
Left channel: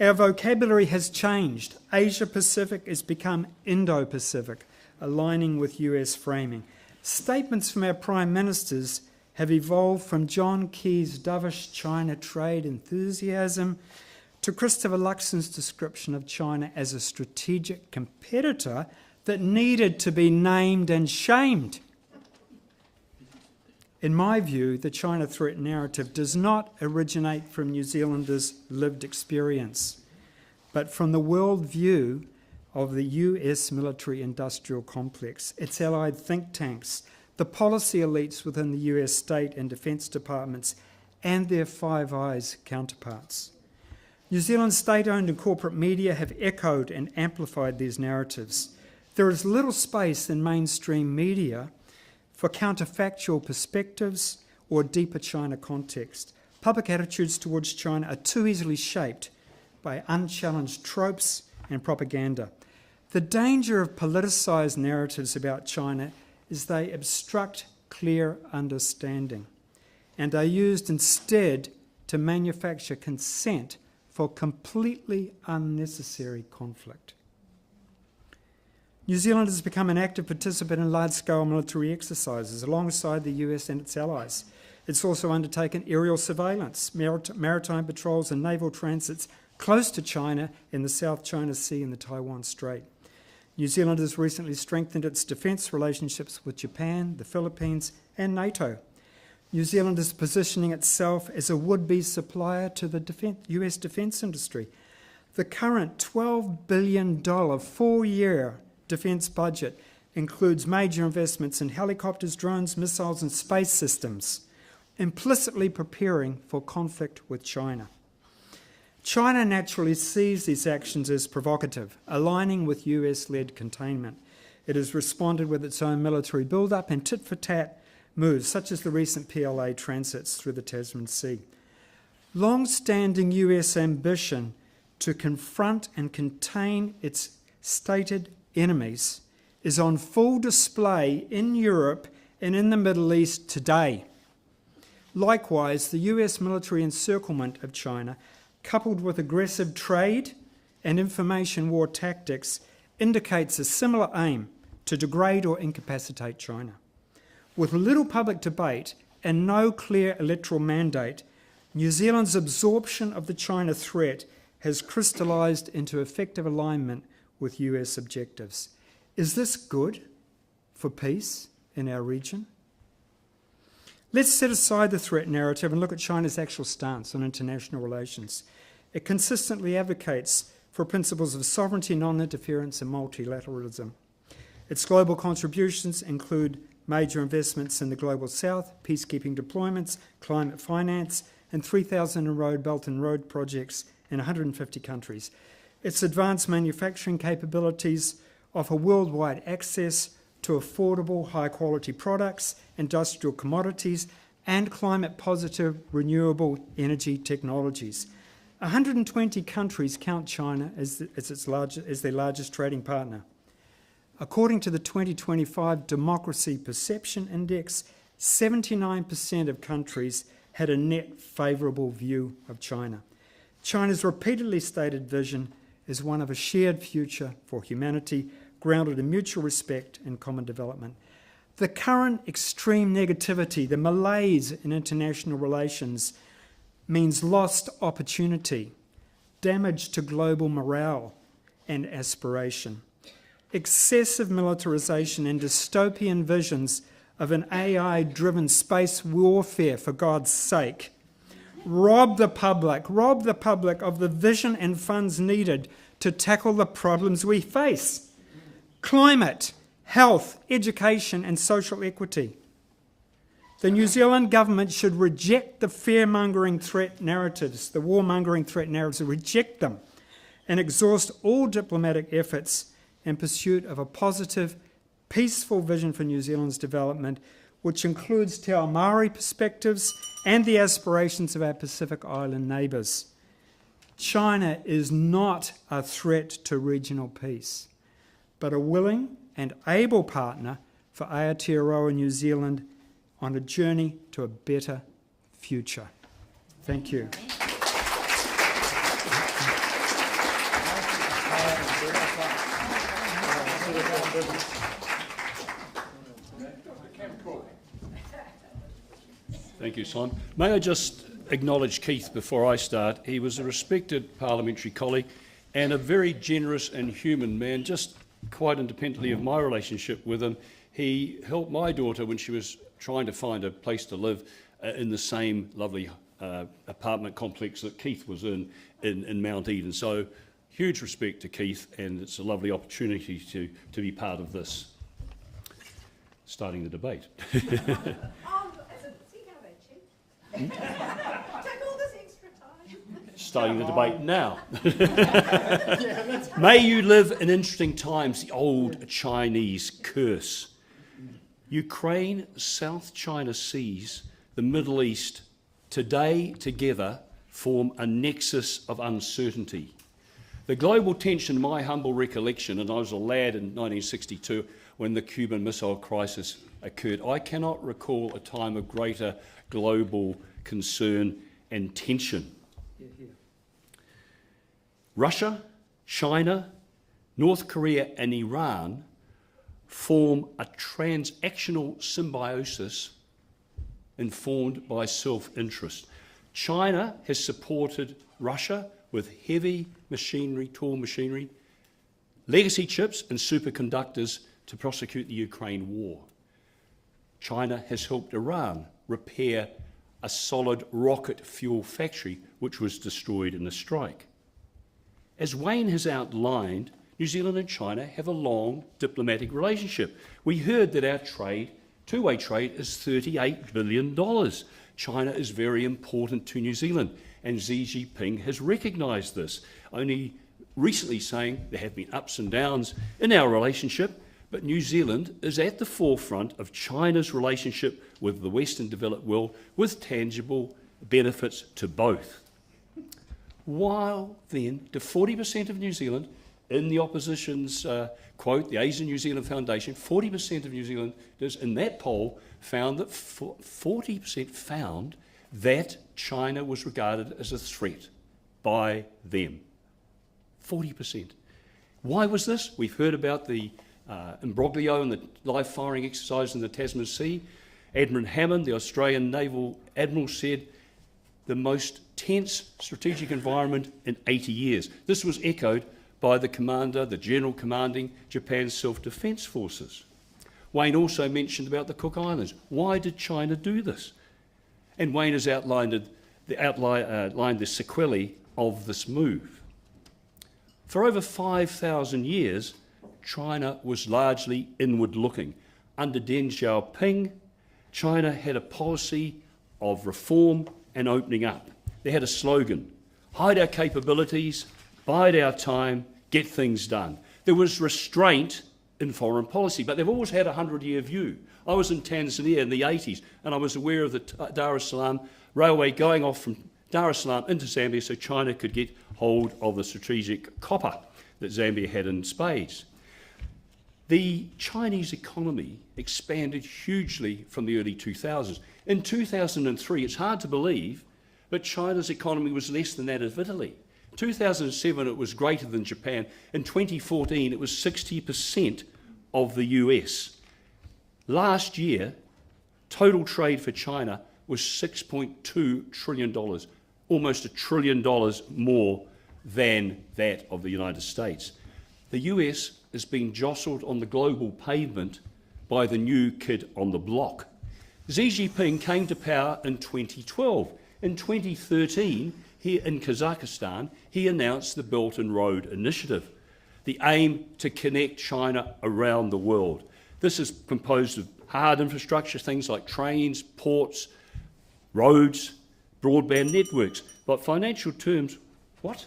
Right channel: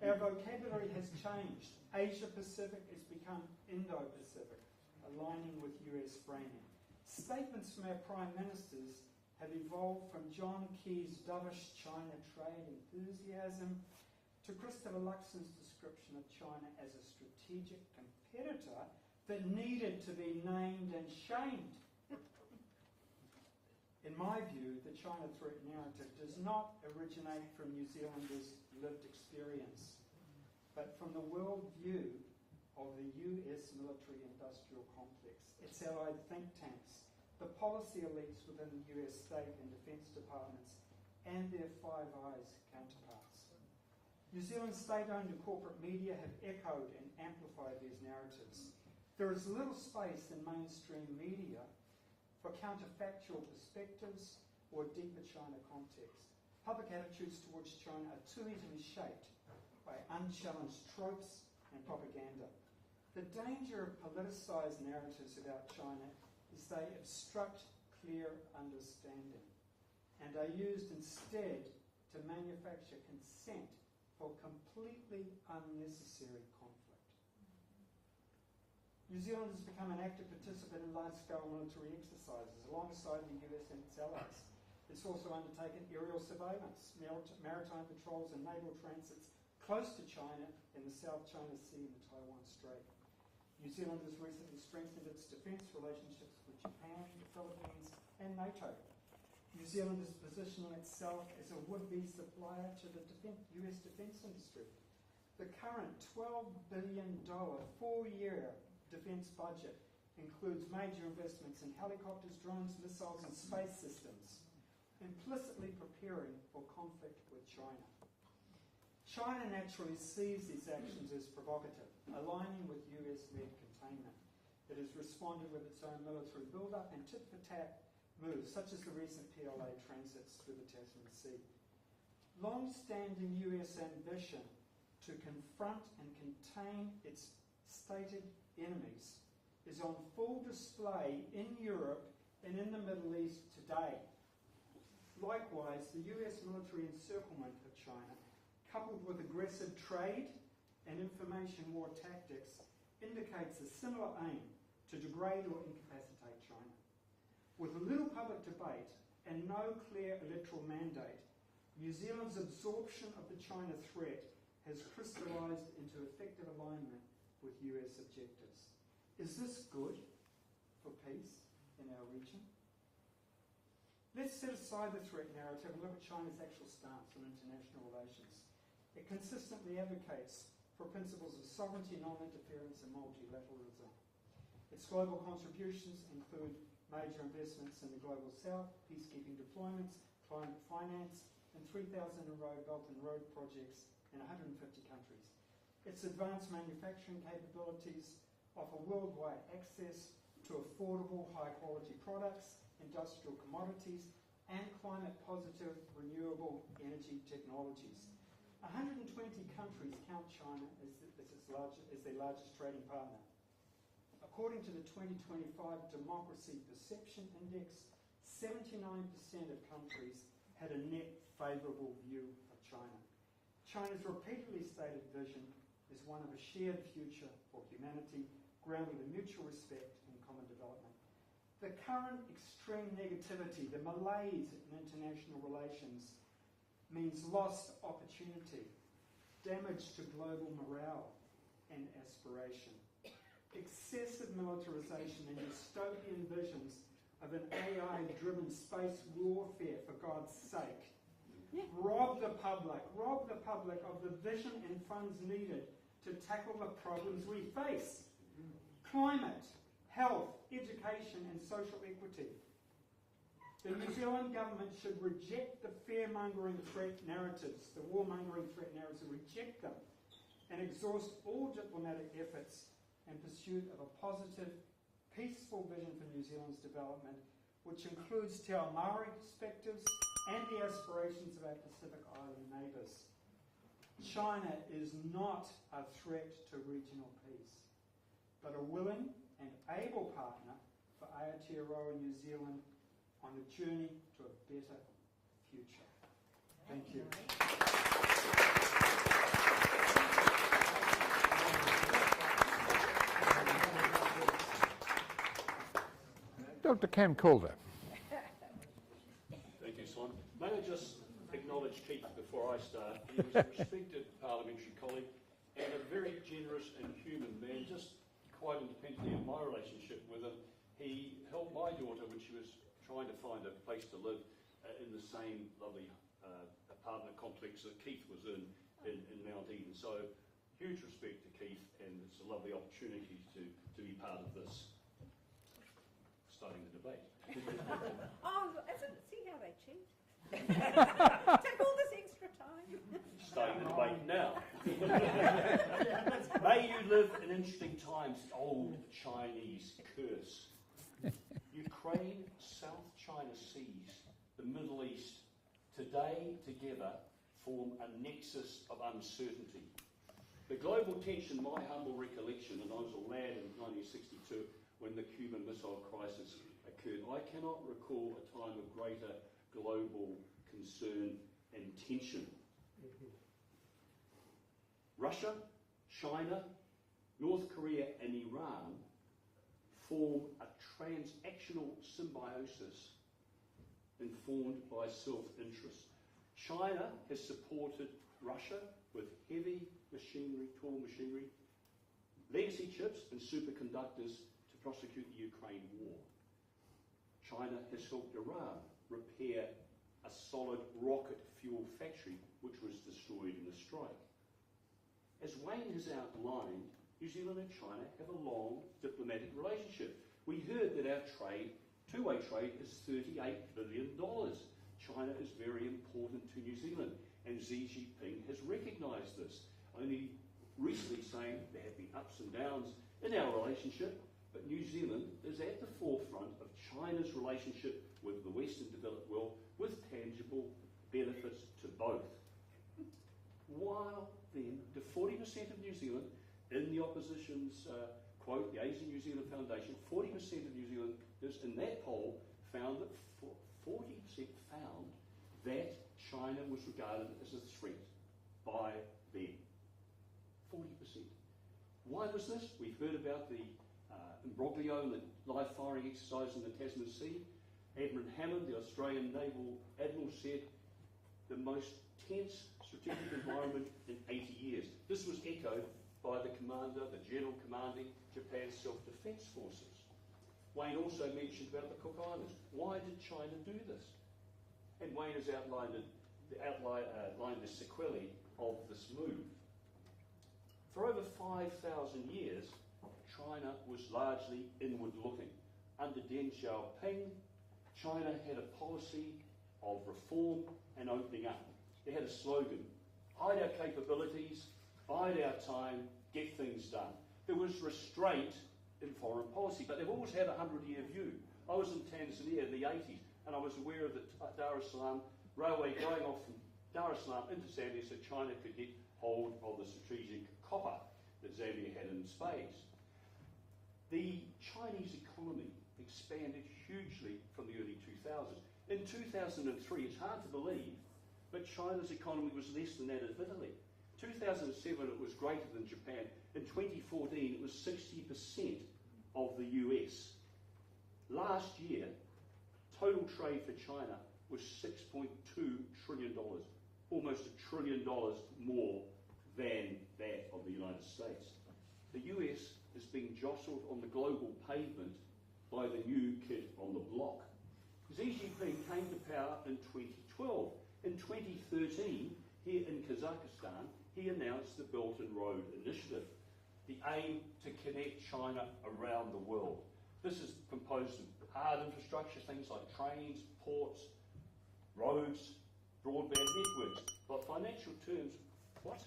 Our vocabulary has changed. Asia-Pacific has become Indo-Pacific, aligning with US framing. Statements from our prime ministers have evolved from John Key's dovish China trade enthusiasm to Christopher Luxon's description of China as a strategic competitor that needed to be named and shamed. In my view, the China threat narrative does not originate from New Zealanders' lived experience, but from the worldview of the US military-industrial complex, its allied think tanks, the policy elites within the US state and defence departments, and their Five Eyes counterparts. New Zealand's state-owned and corporate media have echoed and amplified these narratives. There is little space in mainstream media for counterfactual perspectives or deeper China context. Public attitudes towards China are too easily shaped by unchallenged tropes and propaganda. The danger of politicised narratives about China is they obstruct clear understanding and are used instead to manufacture consent for completely unnecessary conflict. New Zealand has become an active participant in large-scale military exercises alongside the US and its allies. It's also undertaken aerial surveillance, maritime patrols and naval transits close to China in the South China Sea and the Taiwan Strait. New Zealand has recently strengthened its defence relationships with Japan, the Philippines and NATO. New Zealand is positioning itself as a would-be supplier to the US defence industry. The current $12 billion four-year defence budget includes major investments in helicopters, drones, missiles and space systems, implicitly preparing for conflict with China. China naturally sees these actions as provocative, aligning with US-led containment. It has responded with its own military build-up and tit-for-tat moves, such as the recent PLA transits through the Tasman Sea. Long-standing US ambition to confront and contain its stated enemies is on full display in Europe and in the Middle East today. Likewise, the US military encirclement of China, coupled with aggressive trade and information war tactics, indicates a similar aim to degrade or incapacitate China. With little public debate and no clear electoral mandate, New Zealand's absorption of the China threat has crystallised into effective alignment with US objectives. Is this good for peace in our region? Let's set aside the threat narrative and look at China's actual stance on international relations. It consistently advocates for principles of sovereignty, non-interference and multilateralism. Its global contributions include major investments in the Global South, peacekeeping deployments, climate finance, and 3,000 Belt and Road projects in 150 countries. Its advanced manufacturing capabilities offer worldwide access to affordable, high-quality products, industrial commodities, and climate-positive renewable energy technologies. 120 countries count China as their largest trading partner. According to the 2025 Democracy Perception Index, 79% of countries had a net favourable view of China. China's repeatedly stated vision is one of a shared future for humanity, grounded in mutual respect and common development. The current extreme negativity, the malaise in international relations, means lost opportunity, damage to global morale and aspiration. Excessive militarization and dystopian visions of an AI-driven space warfare, for God's sake, rob the public of the vision and funds needed to tackle the problems we face. Climate, health, education and social equity. The New Zealand government should reject the fear-mongering threat narratives, the war-mongering threat narratives, reject them and exhaust all diplomatic efforts in pursuit of a positive, peaceful vision for New Zealand's development, which includes Te Ao Māori perspectives and the aspirations of our Pacific Island neighbours. China is not a threat to regional peace, but a willing and able partner for Aotearoa New Zealand on a journey to a better future. Thank you. Dr. Cam Calder. Thank you, Simon. May I just acknowledge Keith before I start? He was a respected parliamentary colleague and a very generous and human man, just quite independently of my relationship with him. He helped my daughter when she was trying to find a place to live in the same lovely apartment complex that Keith was in Mount Eden. So huge respect to Keith, and it's a lovely opportunity to be part of this. Starting the debate. See how they cheat. Take all this extra time. Starting the debate now. May you live in interesting times, the old Chinese curse. Ukraine, South China Seas, the Middle East, today together form a nexus of uncertainty. The global tension, in my humble recollection, and I was a lad in 1962 when the Cuban Missile Crisis occurred, I cannot recall a time of greater global concern and tension. Russia, China, North Korea and Iran form a transactional symbiosis informed by self-interest. China has supported Russia with heavy machinery, tall machinery, legacy chips and superconductors to prosecute the Ukraine war. China has helped Iran repair a solid rocket fuel factory which was destroyed in the strike. As Wayne has outlined, New Zealand and China have a long diplomatic relationship. We heard that our trade, two-way trade, is $38 billion. China is very important to New Zealand, and Xi Jinping has recognised this, only recently saying there have been ups and downs in our relationship, but New Zealand is at the forefront of China's relationship with the Western developed world with tangible benefits to both. While then, to 40% of New Zealand, in the opposition's quote, the Asian New Zealand Foundation, 40% of New Zealanders in that poll found that 40% found that China was regarded as a threat by them. 40%. Why was this? We've heard about the imbroglio and the live firing exercise in the Tasman Sea. Admiral Hammond, the Australian Naval Admiral, said the most tense strategic environment in 80 years. This was echoed by the commander, the general commanding Japan's self-defence forces. Wayne also mentioned about the Cook Islands. Why did China do this? And Wayne has outlined the sequelae of this move. For over 5,000 years, China was largely inward-looking. Under Deng Xiaoping, China had a policy of reform and opening up. They had a slogan: hide our capabilities, bide our time, get things done. There was restraint in foreign policy, but they've always had a 100-year view. I was in Tanzania in the 80s, and I was aware of the Dar es Salaam railway going off from Dar es Salaam into Zambia so China could get hold of the strategic copper that Zambia had in spades. The Chinese economy expanded hugely from the early 2000s. In 2003, it's hard to believe, but China's economy was less than that of Italy. In 2007, it was greater than Japan. In 2014, it was 60% of the US. Last year, total trade for China was $6.2 trillion, almost $1 trillion more than that of the United States. The US is being jostled on the global pavement by the new kid on the block. Xi Jinping came to power in 2012. In 2013, here in Kazakhstan, he announced the Belt and Road Initiative, the aim to connect China around the world. This is composed of hard infrastructure, things like trains, ports, roads, broadband networks. But financial terms, what?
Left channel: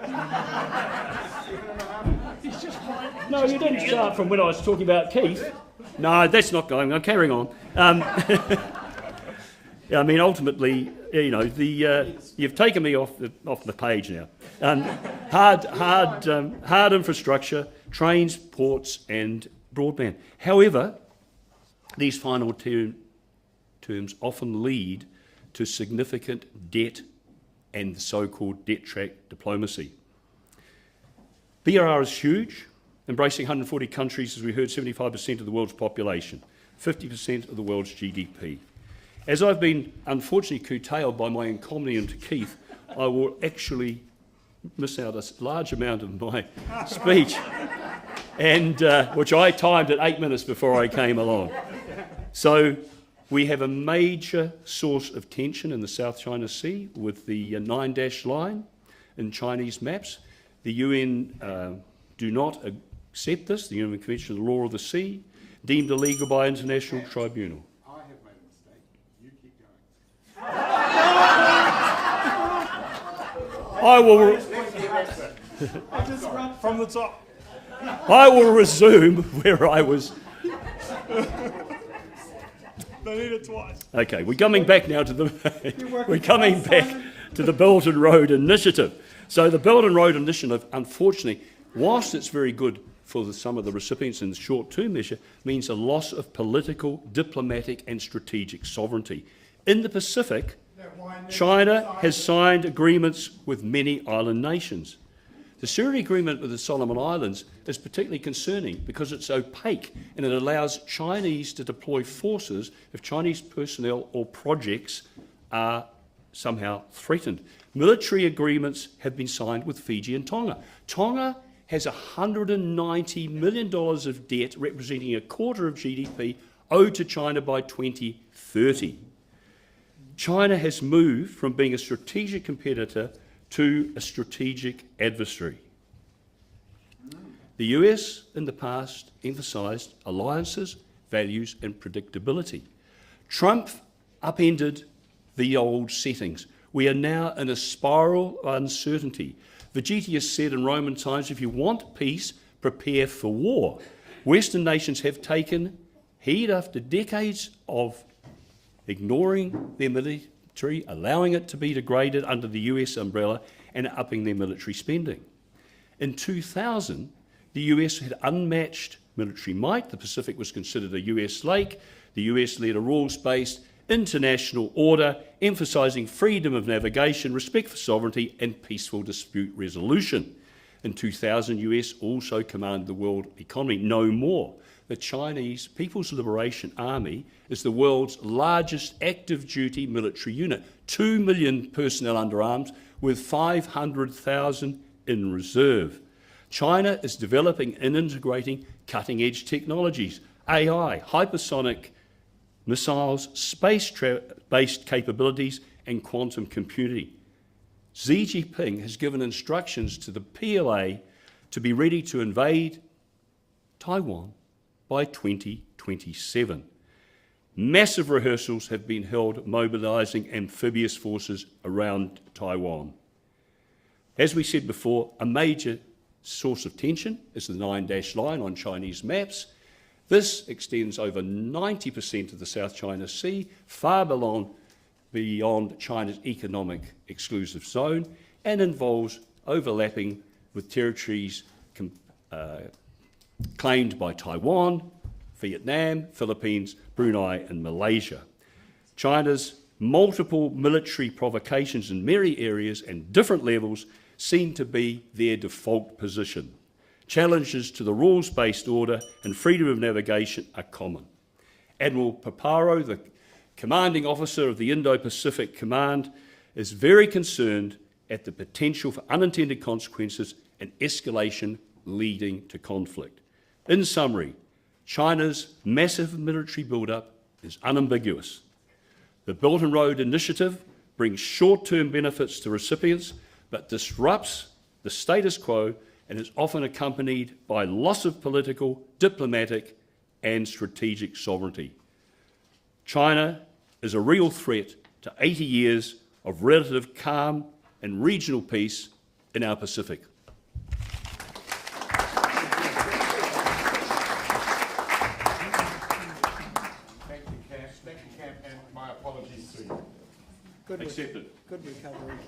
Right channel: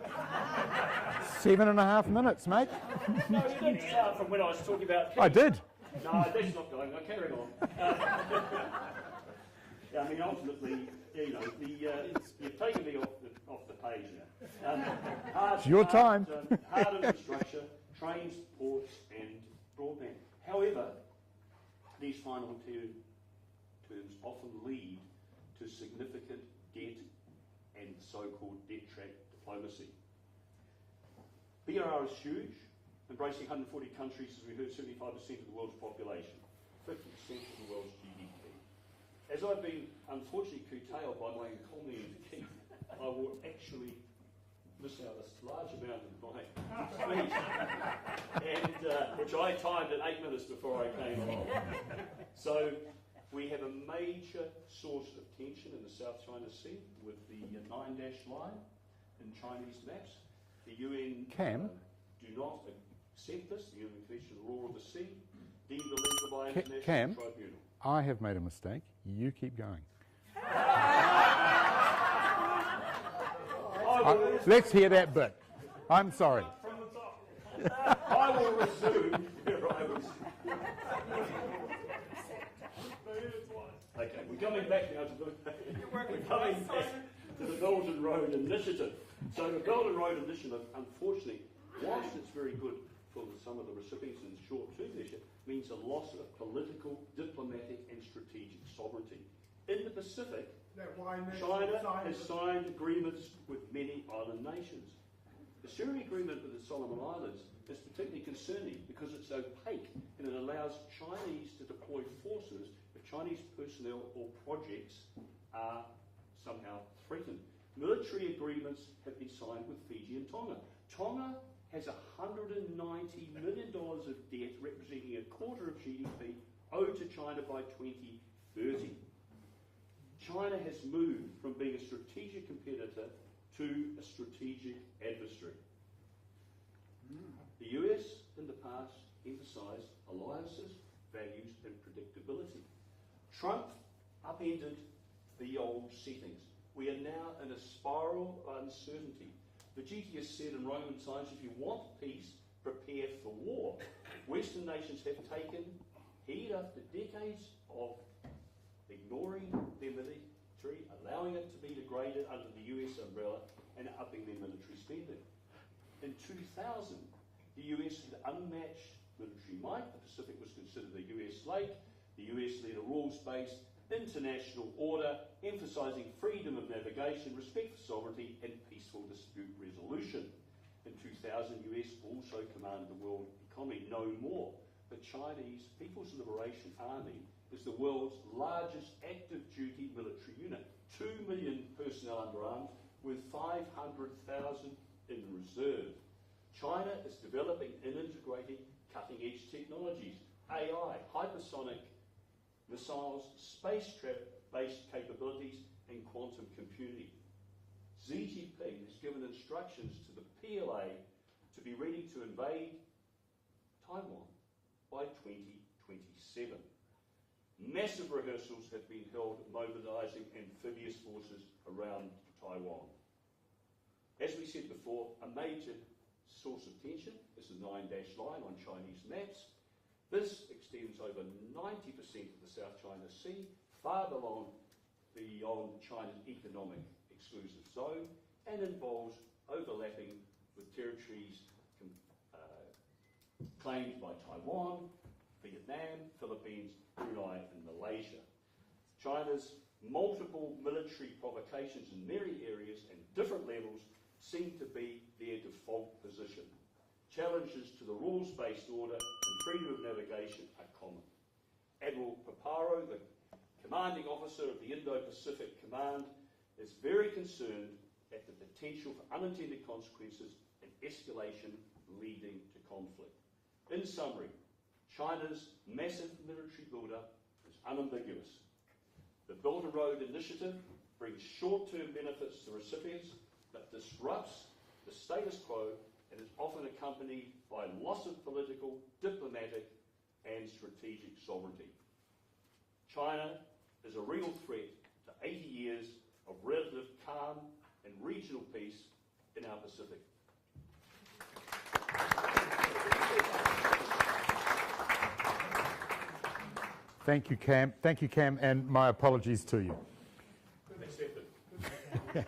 7.5 minutes, mate. No, you didn't start from when I was talking about Keith. I did. No, that's not going on. Carrying on. I mean, ultimately, you know, you've taken me off the page now. Hard infrastructure, trains, ports, and broadband. However, these final terms often lead to significant debt and so-called debt trap diplomacy. BRR is huge, embracing 140 countries, as we heard, 75% of the world's population, 50% of the world's GDP. As I've been unfortunately curtailed by my encomium to Keith, I will actually miss out a large amount of my speech, and which I timed at 8 minutes before I came along. So we have a major source of tension in the South China Sea with the 9-dash line in Chinese maps. The UN do not accept this, the UN Convention on the Law of the Sea, deemed illegal by international Cam, tribunal. I have made a mistake. You keep going. I will Let's hear that bit. I'm sorry. From the top. I will resume where I was. They need it twice. Okay, we're coming back now to the Belt and Road Initiative. So the Belt and Road Initiative, unfortunately, whilst it's very good for some of the recipients in the short-term measure, means a loss of political, diplomatic and strategic sovereignty. In the Pacific, China has signed agreements with many island nations. The security agreement with the Solomon Islands is particularly concerning because it's opaque and it allows Chinese to deploy forces if Chinese personnel or projects are somehow threatened. Military agreements have been signed with Fiji and Tonga. Tonga has $190 million of debt, representing a quarter of GDP, owed to China by 2030. China has moved from being a strategic competitor to a strategic adversary. The US in the past emphasised alliances, values and predictability. Trump upended the old settings. We are now in a spiral of uncertainty. Vegetius said in Roman times, if you want peace, prepare for war. Western nations have taken heed after decades of ignoring their military, allowing it to be degraded under the US umbrella and upping their military spending. In 2000, the US had unmatched military might. The Pacific was considered a US lake. The US led a rules-based international order, emphasising freedom of navigation, respect for sovereignty and peaceful dispute resolution. In 2000, US also commanded the world economy. No more. The Chinese People's Liberation Army is the world's largest active duty military unit, 2 million personnel under arms with 500,000 in reserve. China is developing and integrating cutting-edge technologies, AI, hypersonic missiles, space cloud-based capabilities and quantum computing. Xi Jinping has given instructions to the PLA to be ready to invade Taiwan by 2027. Massive rehearsals have been held mobilising amphibious forces around Taiwan. As we said before, a major source of tension is the 9-dash line on Chinese maps. This extends over 90% of the South China Sea, far beyond China's economic exclusive zone, and involves overlapping with territories claimed by Taiwan, Vietnam, Philippines, Brunei and Malaysia. China's multiple military provocations in many areas and different levels seem to be their default position. Challenges to the rules-based order and freedom of navigation are common. Admiral Paparo, the commanding officer of the Indo-Pacific Command, is very concerned at the potential for unintended consequences and escalation leading to conflict. In summary, China's massive military build-up is unambiguous. The Belt and Road Initiative brings short-term benefits to recipients, but disrupts the status quo and is often accompanied by loss of political, diplomatic, and strategic sovereignty. China is a real threat to 80 years of relative calm and regional peace in our Pacific. Thank you, Cam. Thank you, Cam, and my apologies to you. Good Accepted. Good recovery.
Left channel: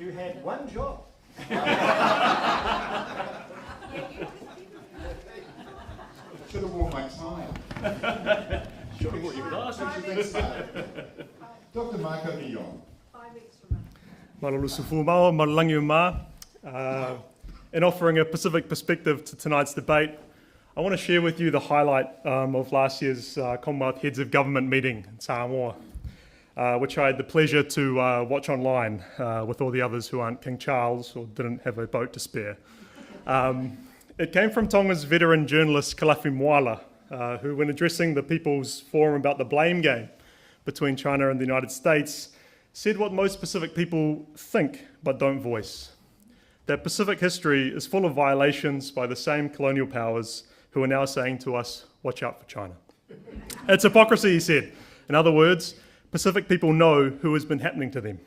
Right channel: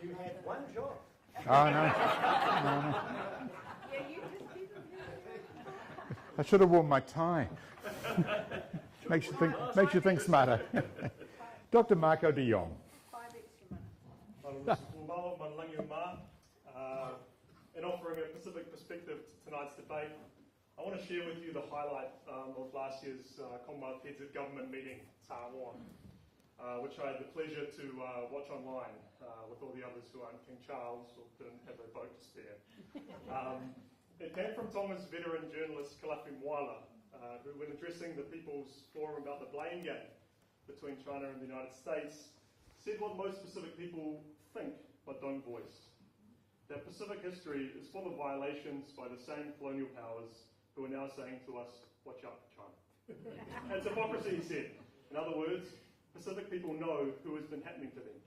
You had one job. I should have worn my tie. Makes you think smarter. Dr. Marco de Jong. In offering a Pacific perspective to tonight's debate, I want to share with you the highlight of last year's Commonwealth Heads of Government meeting in Samoa, which I had the pleasure to watch online with all the others who aren't King Charles or didn't have a boat to spare. It came from Tonga's veteran journalist Kalafi Moala, who, when addressing the People's Forum about the blame game between China and the United States, said what most Pacific people think but don't voice. That Pacific history is full of violations by the same colonial powers who are now saying to us, watch out for China. It's hypocrisy, he said. In other words, Pacific people know who has been happening to them.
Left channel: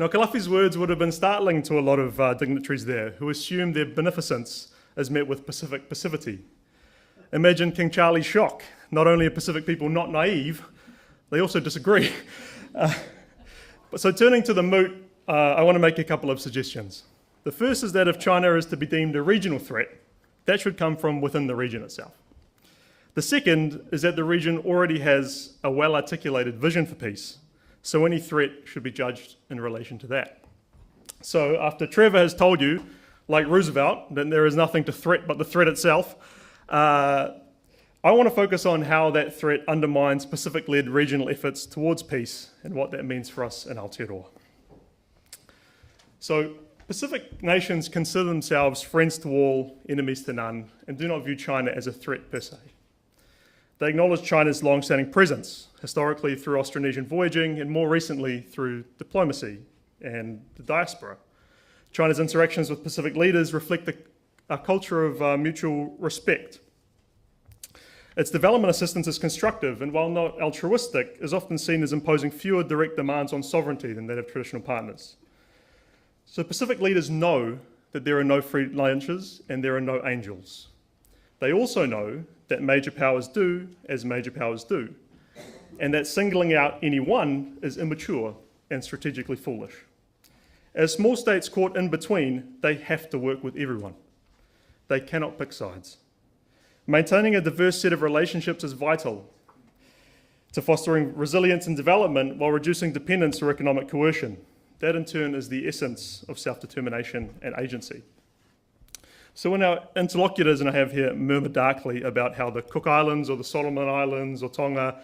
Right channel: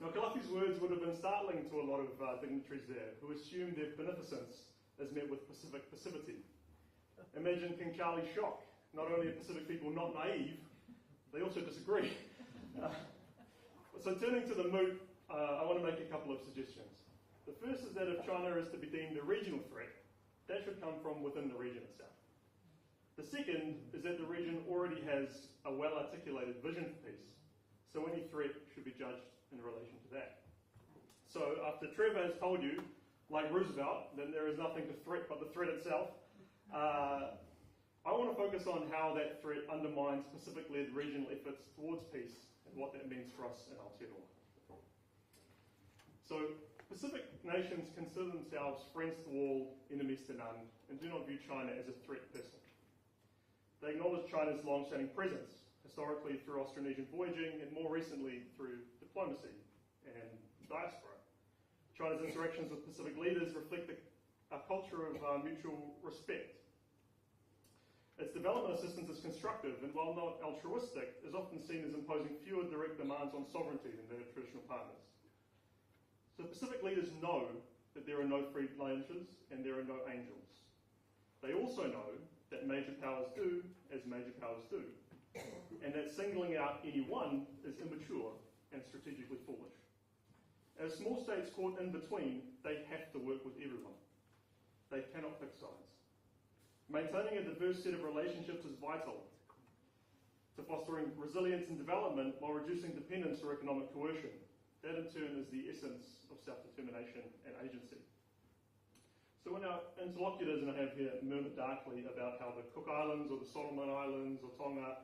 Now, Kalafi's words would have been startling to a lot of dignitaries there who assumed their beneficence is met with Pacific passivity. Imagine King Charlie's shock. Not only are Pacific people not naive, they also disagree. So turning to the moot, I want to make a couple of suggestions. The first is that if China is to be deemed a regional threat, that should come from within the region itself. The second is that the region already has a well-articulated vision for peace, so any threat should be judged in relation to that. So after Trevor has told you, like Roosevelt, that there is nothing to threat but the threat itself, I want to focus on how that threat undermines Pacific-led regional efforts towards peace and what that means for us in Aotearoa. So Pacific nations consider themselves friends to all, enemies to none, and do not view China as a threat per se. They acknowledge China's long-standing presence, historically through Austronesian voyaging and more recently through diplomacy and the diaspora. China's interactions with Pacific leaders reflect a culture of mutual respect. Its development assistance is constructive and, while not altruistic, is often seen as imposing fewer direct demands on sovereignty than that of traditional partners. So Pacific leaders know that there are no free lunches and there are no angels. They also know that major powers do as major powers do, and that singling out any one is immature and strategically foolish. As small states caught in between, they have to work with everyone. They cannot pick sides. Maintaining a diverse set of relationships is vital to fostering resilience and development while reducing dependence or economic coercion. That in turn is the essence of self-determination and agency. So when our interlocutors, and I have here, murmur darkly about how the Cook Islands or the Solomon Islands or Tonga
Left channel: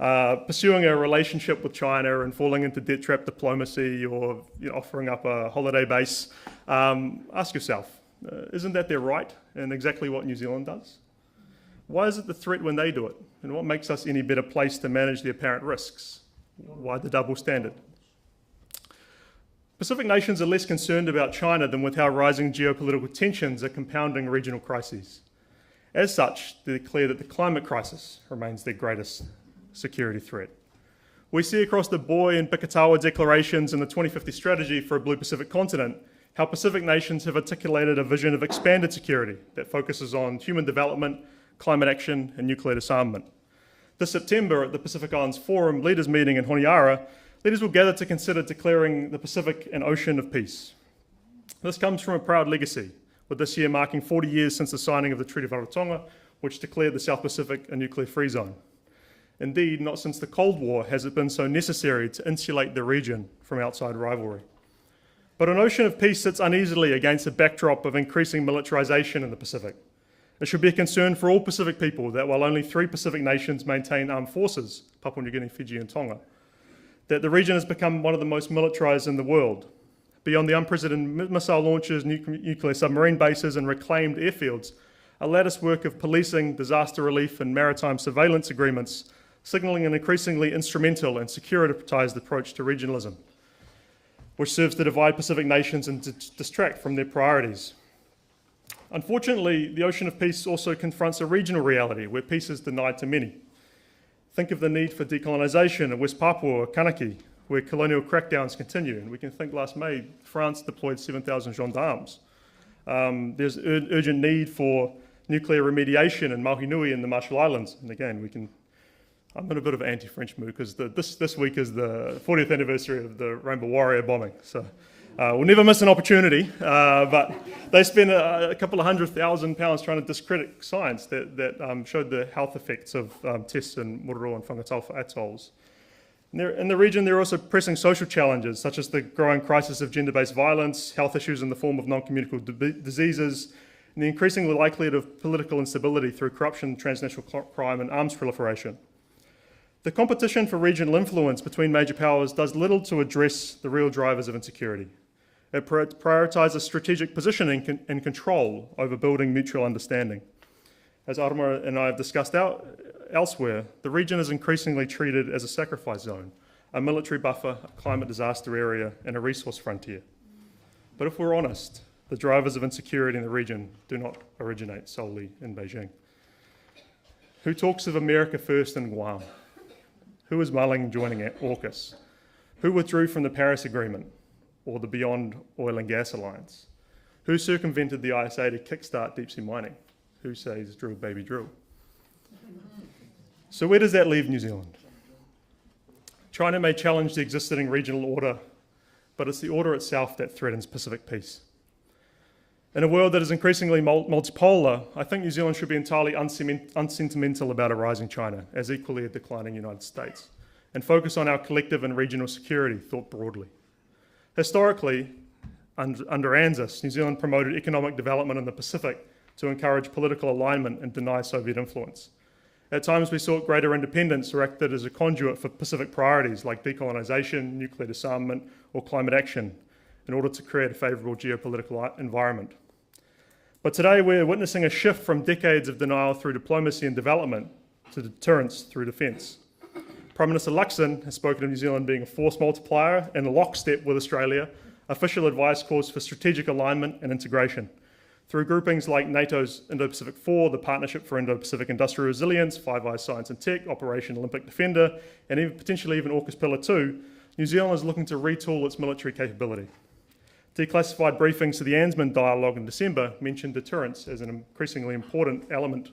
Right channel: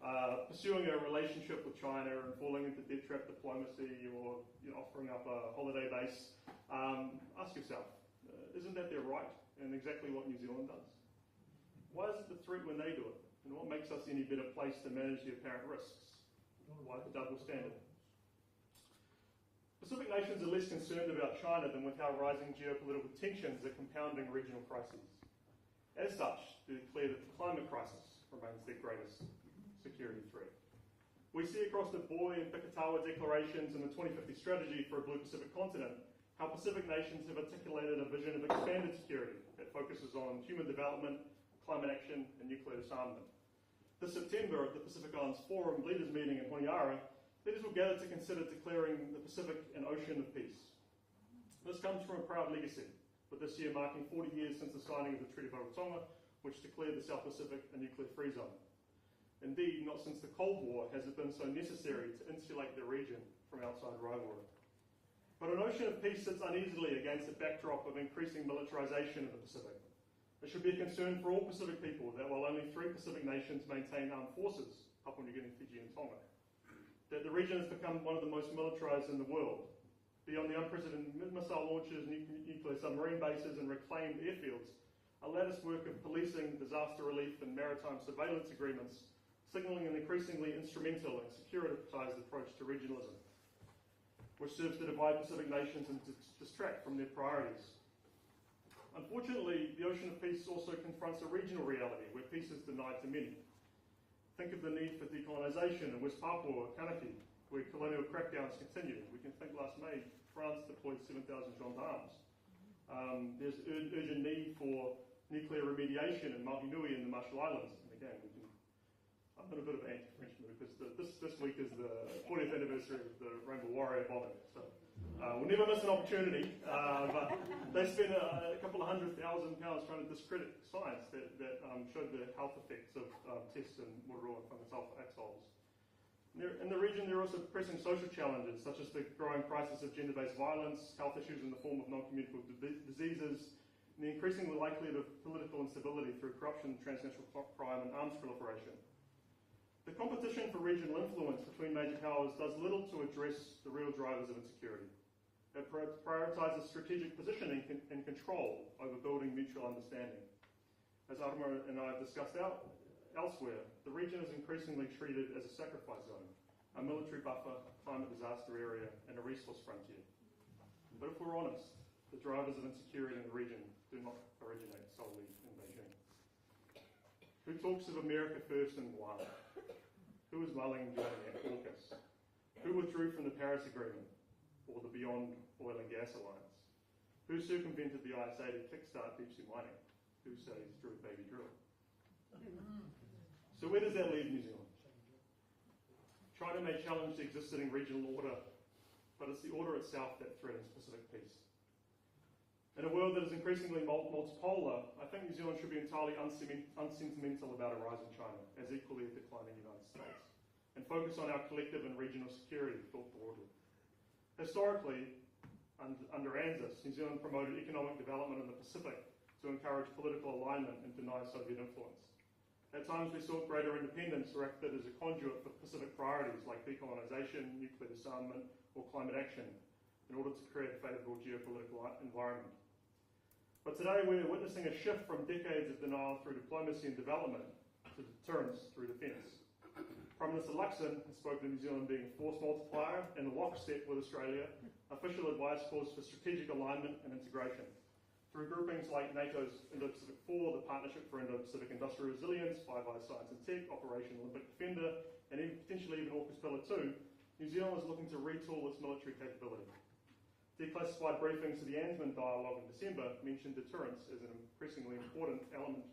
are pursuing a relationship with China and falling into debt trap diplomacy or offering up a holiday base, ask yourself, isn't that their right and exactly what New Zealand does? Why is it the threat when they do it And what makes us any better placed to manage the apparent risks? Why the double standard? Pacific nations are less concerned about China than with how rising geopolitical tensions are compounding regional crises. As such, they declare that the climate crisis remains their greatest security threat. We see across the Boy and Bikatawa declarations and the 2050 strategy for a Blue Pacific continent how Pacific nations have articulated a vision of expanded security that focuses on human development, climate action, and nuclear disarmament. This September at the Pacific Islands Forum leaders meeting in Honiara, leaders will gather to consider declaring the Pacific an ocean of peace. This comes from a proud legacy, with this year marking 40 years since the signing of the Treaty of Rarotonga, which declared the South Pacific a nuclear-free zone. Indeed, not since the Cold War has it been so necessary to insulate the region from outside rivalry. But an ocean of peace sits uneasily against a backdrop of increasing militarization in the Pacific. It should be a concern for all Pacific people that while only 3 Pacific nations maintain armed forces, Papua New Guinea, Fiji and Tonga, that the region has become one of the most militarized in the world. Beyond the unprecedented missile launches, nuclear submarine bases and reclaimed airfields, a lattice work of policing, disaster relief and maritime surveillance agreements, signalling an increasingly instrumental and securitized approach to regionalism, which serves to divide Pacific nations and to distract from their priorities. Unfortunately, the ocean of peace also confronts a regional reality where peace is denied to many. Think of the need for decolonisation in West Papua or Kanaki, where colonial crackdowns continue. And we can think last May, France deployed 7,000 gendarmes. There's urgent need for nuclear remediation in Maunganui in the Marshall Islands. And again, I'm in a bit of an anti-French mood because this week is the 40th anniversary of the Rainbow Warrior bombing. So we'll never miss an opportunity. But they spent a couple of £100,000 trying to discredit science that showed the health effects of tests in Moderator and Whangataufa atolls. In the region, there are also pressing social challenges, such as the growing crisis of gender-based violence, health issues in the form of non-communicable diseases, and the increasing likelihood of political instability through corruption, transnational crime, and arms proliferation. The competition for regional influence between major powers does little to address the real drivers of insecurity. It prioritises strategic positioning and control over building mutual understanding. As Arama and I have discussed elsewhere, the region is increasingly treated as a sacrifice zone, a military buffer, a climate disaster area, and a resource frontier. But if we're honest, the drivers of insecurity in the region do not originate solely in Beijing. Who talks of America first in Guam? Who is mulling joining AUKUS? Who withdrew from the Paris Agreement or the Beyond Oil and Gas Alliance? Who circumvented the ISA to kickstart deep sea mining? Who says drill baby drill? So where does that leave New Zealand? China may challenge the existing regional order, but it's the order itself that threatens Pacific peace. In a world that is increasingly multipolar, I think New Zealand should be entirely unsentimental about a rising China, as equally a declining United States, and focus on our collective and regional security, thought broadly. Historically, under ANZUS, New Zealand promoted economic development in the Pacific to encourage political alignment and deny Soviet influence. At times we sought greater independence or acted as a conduit for Pacific priorities like decolonisation, nuclear disarmament, or climate action in order to create a favourable geopolitical environment. But today we're witnessing a shift from decades of denial through diplomacy and development to deterrence through defence. Prime Minister Luxon has spoken of New Zealand being a force multiplier and a lockstep with Australia. Official advice calls for strategic alignment and integration through groupings like NATO's Indo-Pacific 4, the Partnership for Indo-Pacific Industrial Resilience, Five Eyes Science and Tech, Operation Olympic Defender, and even potentially even AUKUS Pillar 2. New Zealand is looking to retool its military capability. Declassified briefings to the ANZMAN dialogue in December mentioned deterrence as an increasingly important element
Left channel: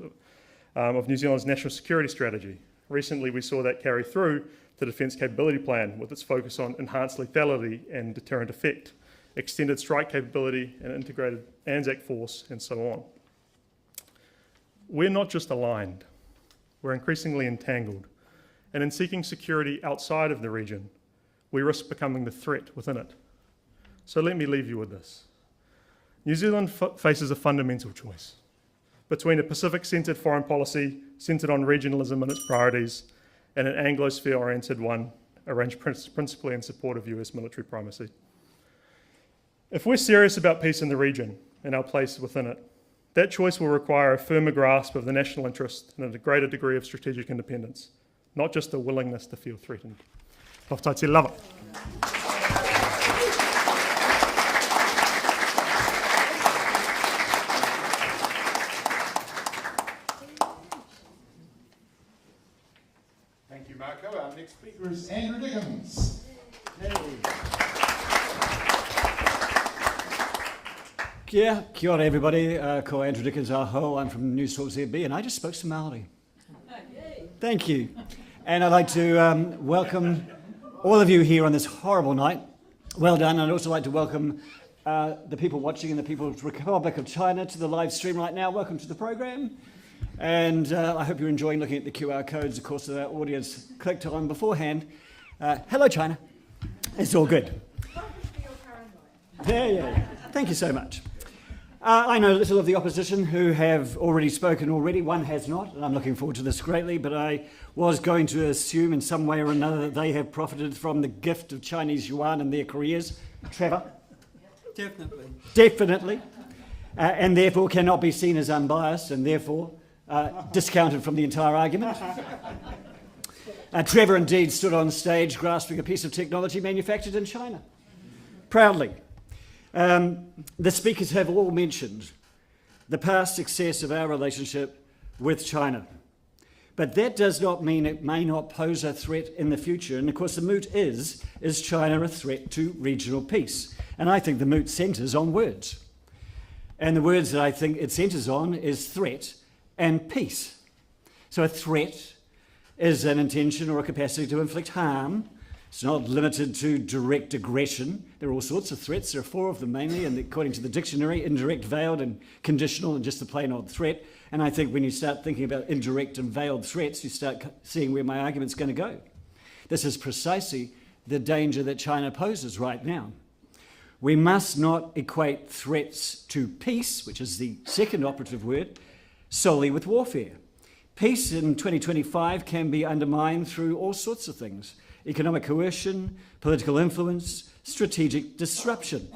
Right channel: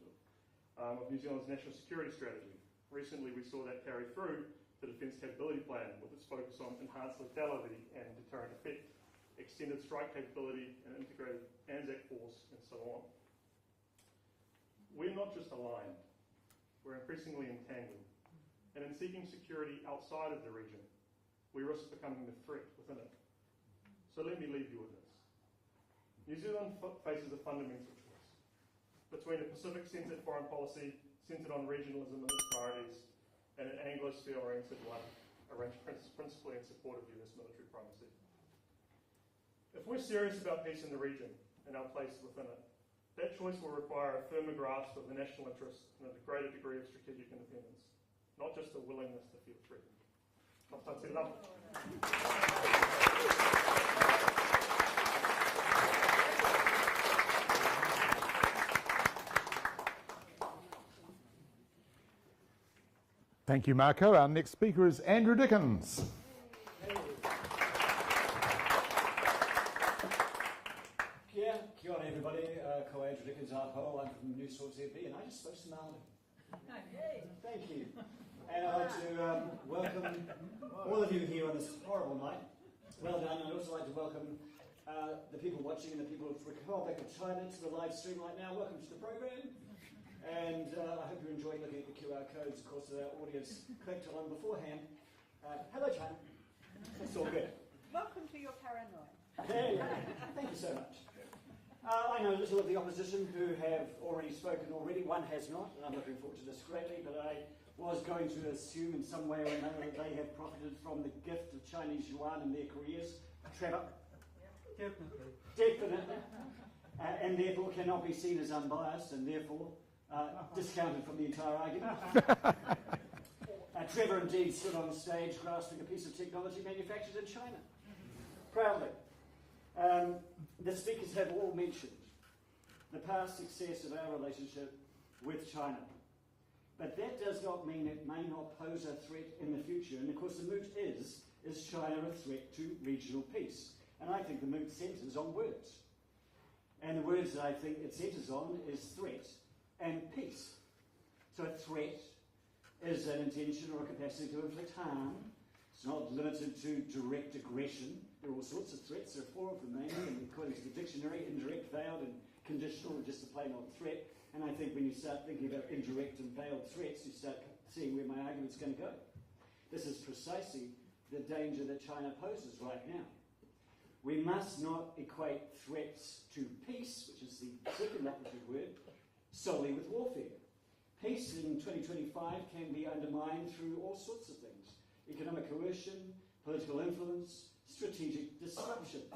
of New Zealand's national security strategy. Recently, we saw that carry through the Defence Capability Plan with its focus on enhanced lethality and deterrent effect, extended strike capability and integrated ANZAC force, and so on. We're not just aligned, we're increasingly entangled. And in seeking security outside of the region, we risk becoming the threat within it. So let me leave you with this. New Zealand faces a fundamental choice between a Pacific-centred foreign policy centred on regionalism and its priorities and an Anglosphere-oriented one arranged principally in support of US military primacy. If we're serious about peace in the region and our place within it, That choice will require a firmer grasp of the national interest and a greater degree of strategic independence, not just a willingness to feel threatened. Toftaiti lava. Thank you, Marco. Our next speaker is Andrew Dickens. Kia ora everybody, ko Andrew Dickens aho, I'm from New South ZB and I just spoke some Maori. Thank you. And I'd like to welcome all of you here on this horrible night. Well done. And I'd also like to welcome the people watching in the People's Republic of China to the live stream right now. Welcome to the program. And I hope you're enjoying looking at the QR codes, of course, that our audience clicked on beforehand. Hello, China. It's all good. Welcome to your paranoia. Yeah. Thank you so much. I know little of the opposition who have already spoken already. One has not, and I'm looking forward to this greatly, but I was going to assume in some way or another that they have profited from the gift of Chinese yuan in their careers. Trevor? Definitely. And therefore cannot be seen as unbiased and therefore discounted from the entire argument. Trevor indeed stood on stage grasping a piece of technology manufactured in China. Proudly. The speakers have all mentioned the past success of our relationship with China. But that does not mean it may not pose a threat in the future. And of course the moot is China a threat to regional peace? And I think the moot centres on words. And the words that I think it centres on is threat and peace. So a threat is an intention or a capacity to inflict harm. It's not limited to direct aggression. There are all sorts of threats. There are 4 of them mainly, and according to the dictionary, indirect, veiled, and conditional, and just the plain old threat. And I think when you start thinking about indirect and veiled threats, you start seeing where my argument's going to go. This is precisely the danger that China poses right now. We must not equate threats to peace, which is the second operative word, solely with warfare. Peace in 2025 can be undermined through all sorts of things. Economic coercion, political influence, strategic disruption.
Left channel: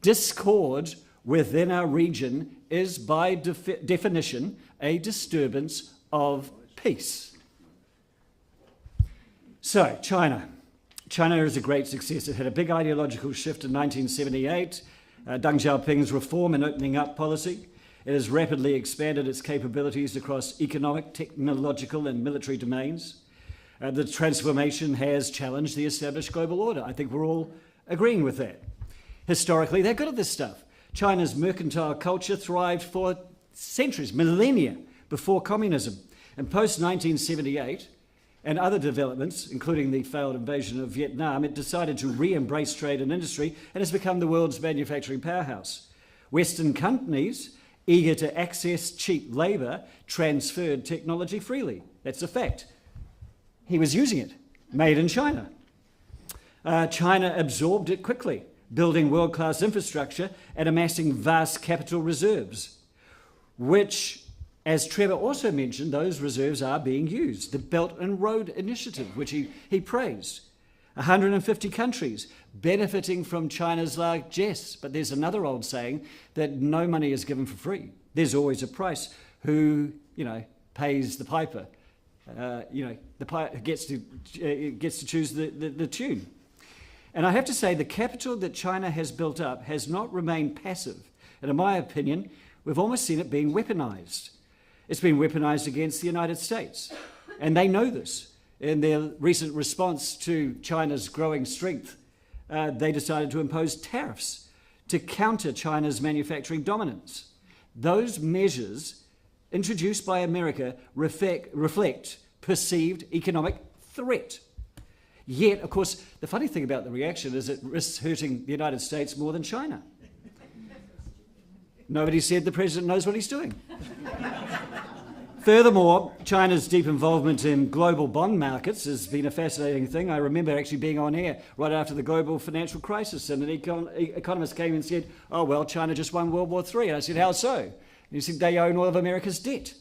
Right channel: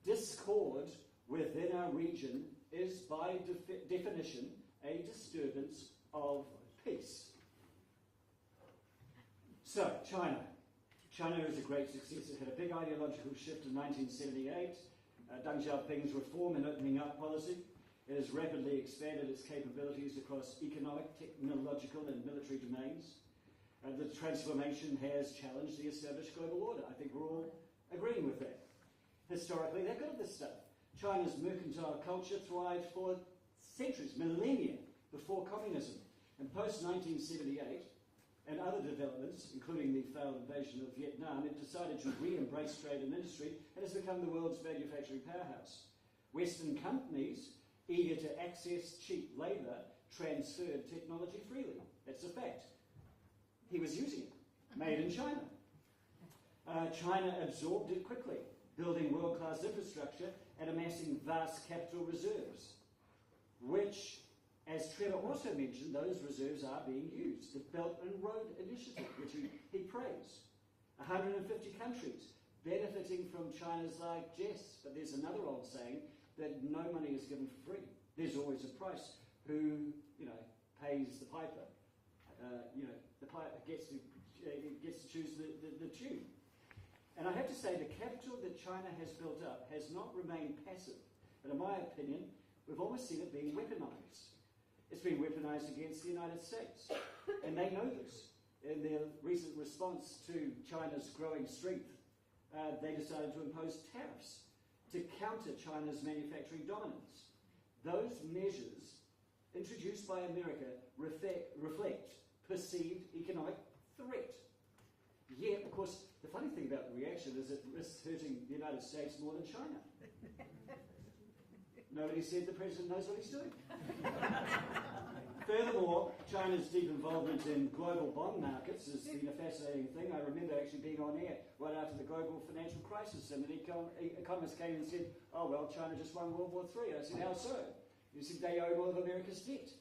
Discord within our region is by definition a disturbance of peace. So, China. China is a great success. It had a big ideological shift in 1978, Deng Xiaoping's reform and opening up policy. It has rapidly expanded its capabilities across economic, technological and military domains. The transformation has challenged the established global order. I think we're all agreeing with that. Historically, they're good at this stuff. China's mercantile culture thrived for centuries, millennia before communism. And post-1978 and other developments, including the failed invasion of Vietnam, it decided to re-embrace trade and industry and has become the world's manufacturing powerhouse. Western companies, eager to access cheap labour, transferred technology freely. That's a fact. He was using it, made in China. China absorbed it quickly, building world-class infrastructure and amassing vast capital reserves, which, as Trevor also mentioned, those reserves are being used. The Belt and Road Initiative, which he praised. 150 countries benefiting from China's largesse. But there's another old saying that no money is given for free. There's always a price. Who, pays the piper? The piper gets to choose the tune. And I have to say, the capital that China has built up has not remained passive. And in my opinion, we've almost seen it being weaponized. It's been weaponized against the United States. And they know this. In their recent response to China's growing strength, they decided to impose tariffs to counter China's manufacturing dominance. Those measures introduced by America reflect perceived economic threat. Yet, of course, the funny thing about the reaction is it risks hurting the United States more than China. Nobody said the president knows what he's doing. Furthermore, China's deep involvement in global bond markets has been a fascinating thing. I remember actually being on air right after the global financial crisis, and an economist came and said, oh, well, China just won World War III. And I said, how so? And he said, they own all of America's debt.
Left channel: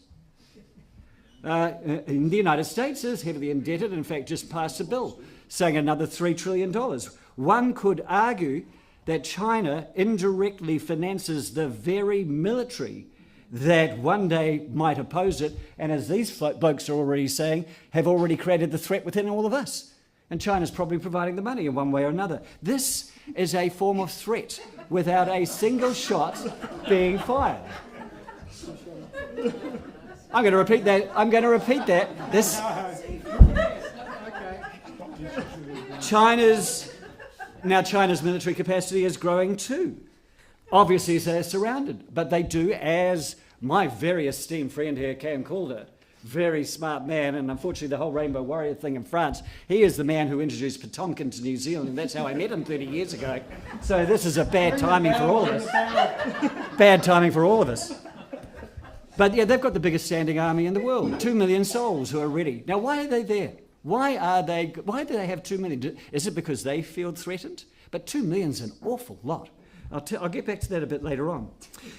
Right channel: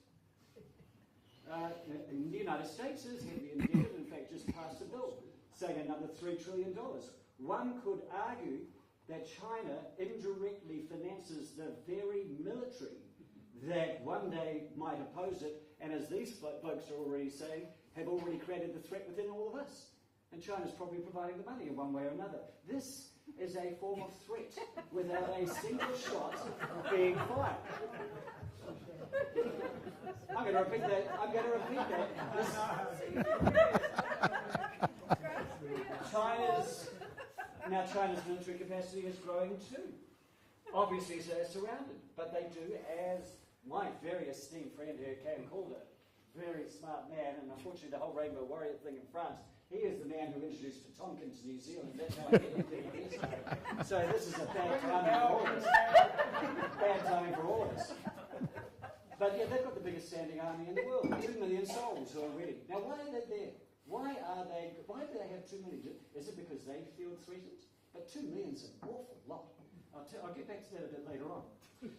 In the United States is heavily indebted, in fact, just passed a bill saying another $3 trillion. One could argue that China indirectly finances the very military that one day might oppose it, and as these blokes are already saying, have already created the threat within all of us. And China's probably providing the money in one way or another. This is a form of threat without a single shot being fired. I'm going to repeat that. This China's military capacity is growing too. Obviously, they're surrounded, but they do, as my very esteemed friend here, Calder, very smart man, and unfortunately the whole Rainbow Warrior thing in France, he is the man who introduced Potemkin to New Zealand, and that's how I met him 30 years ago. So this is a bad timing for all of us. Bad timing for all of us. But yeah, they've got the biggest standing army in the world, 2 million souls who are ready. Now, why are they there? Why do they have 2 million? Is it because they feel threatened? But 2 million's an awful lot. I'll get back to that a bit later on.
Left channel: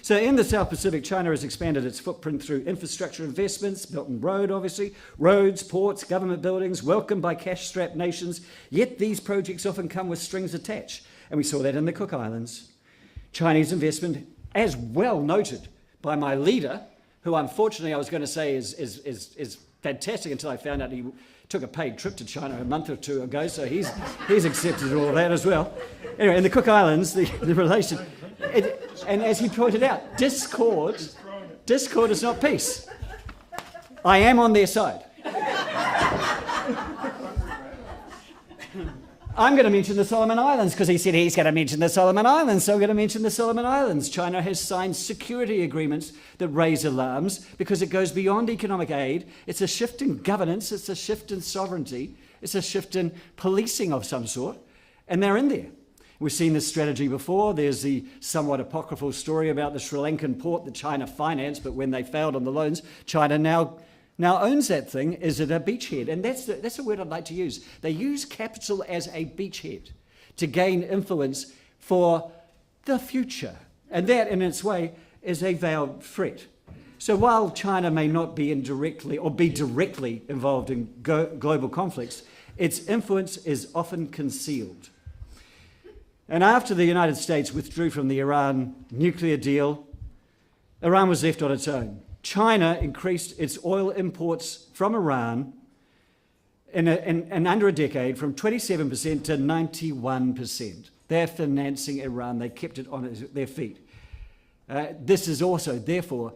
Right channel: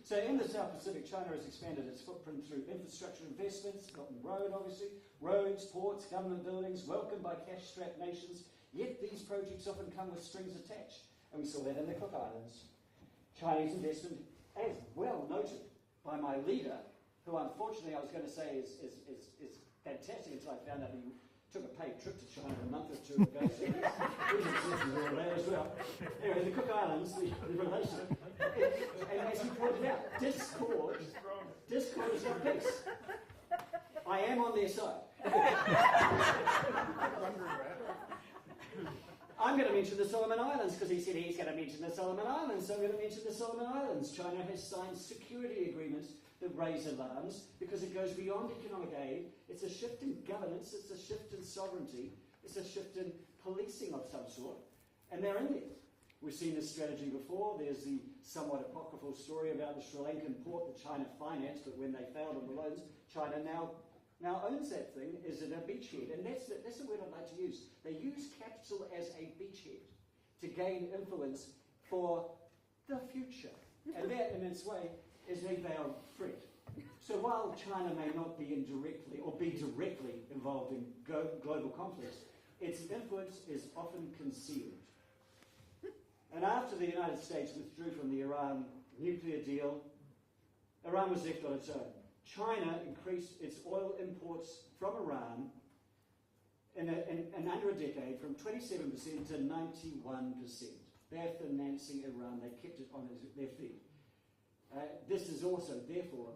So in the South Pacific, China has expanded its footprint through infrastructure investments, Belt and Road, obviously, roads, ports, government buildings, welcomed by cash-strapped nations. Yet these projects often come with strings attached. And we saw that in the Cook Islands. Chinese investment, as well noted by my leader, who unfortunately I was going to say is fantastic until I found out he took a paid trip to China a month or two ago, so he's accepted all of that as well. Anyway, in the Cook Islands, the relation, and as he pointed out, discord is not peace. I am on their side. I'm going to mention the Solomon Islands because he said he's going to mention the Solomon Islands, so I'm going to mention the Solomon Islands. China has signed security agreements that raise alarms because it goes beyond economic aid. It's a shift in governance, it's a shift in sovereignty, it's a shift in policing of some sort, and they're in there. We've seen this strategy before. There's the somewhat apocryphal story about the Sri Lankan port that China financed, but when they failed on the loans, China now owns that thing. Is it a beachhead? And that's a word I'd like to use. They use capital as a beachhead to gain influence for the future. And that, in its way, is a veiled threat. So while China may not be indirectly or be directly involved in global conflicts, its influence is often concealed. And after the United States withdrew from the Iran nuclear deal, Iran was left on its own. China increased its oil imports from Iran in under a decade from 27% to 91%. They're financing Iran. They kept it on their feet. This is also, therefore,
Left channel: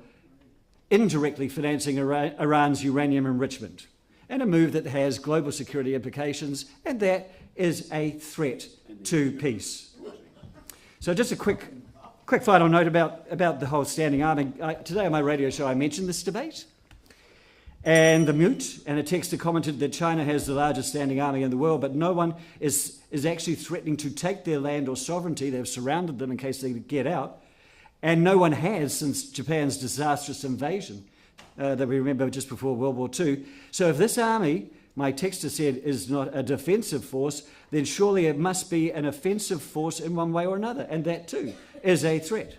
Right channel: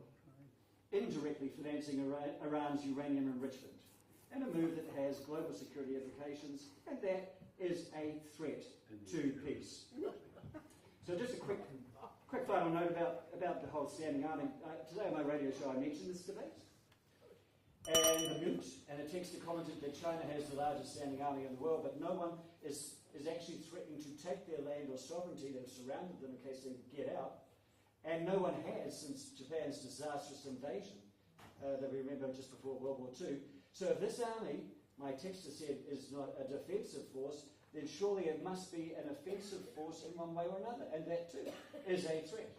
indirectly financing Iran's uranium enrichment, and a move that has global security implications, and that is a threat to peace. So just a quick final note about the whole standing army. Today on my radio show I mentioned this debate and the moot, and a texter commented that China has the largest standing army in the world, but no one is actually threatening to take their land or sovereignty. They've surrounded them in case they get out, and no one has since Japan's disastrous invasion that we remember just before World War II. So if this army, my texter said, is not a defensive force, then surely it must be an offensive force in one way or another, and that too is a threat.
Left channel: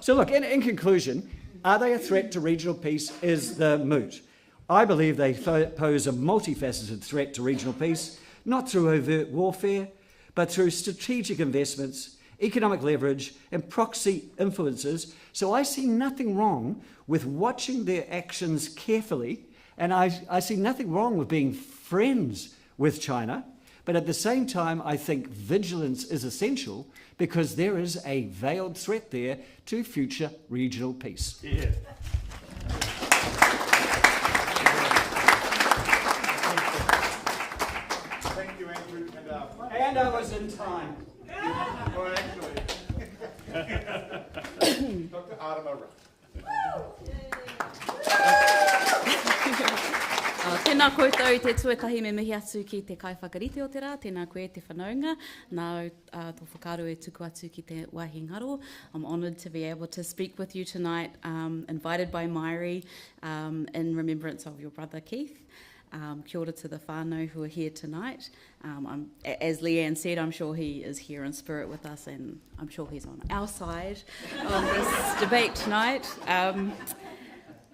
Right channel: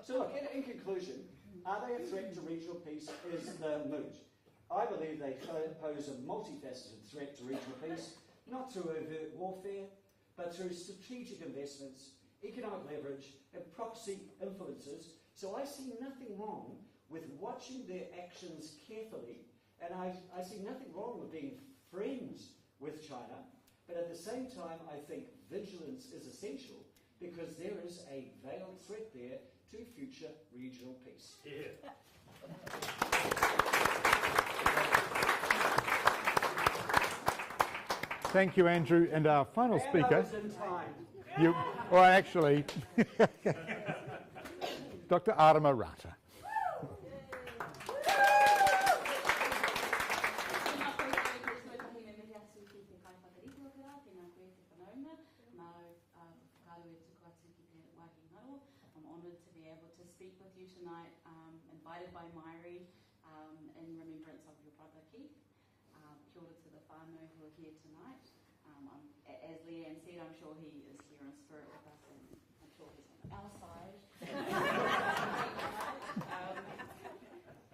So look, in conclusion, are they a threat to regional peace is the moot. I believe they pose a multifaceted threat to regional peace, not through overt warfare, but through strategic investments, economic leverage, and proxy influences. So I see nothing wrong with watching their actions carefully, and I see nothing wrong with being friends with China, but at the same time, I think vigilance is essential because there is a veiled threat there to future regional peace. Yeah. Thank you, Andrew. And our final speaker. And I was in time. Well, actually, Dr. Arama Rata. Tēnā koutou te tuatahi me mihi atu ki te kaiwhakarite o te rā, tēnā koe te whanaunga, nā tō whakaaro e tuku atu ki te wāhi ngaro. I'm honoured to be able to speak with you tonight, invited by Mairi in remembrance of your brother Keith. Kia ora to the whānau who are here tonight. As Leanne said, I'm sure he is here in spirit with us, and I'm sure he's on our side on this debate tonight.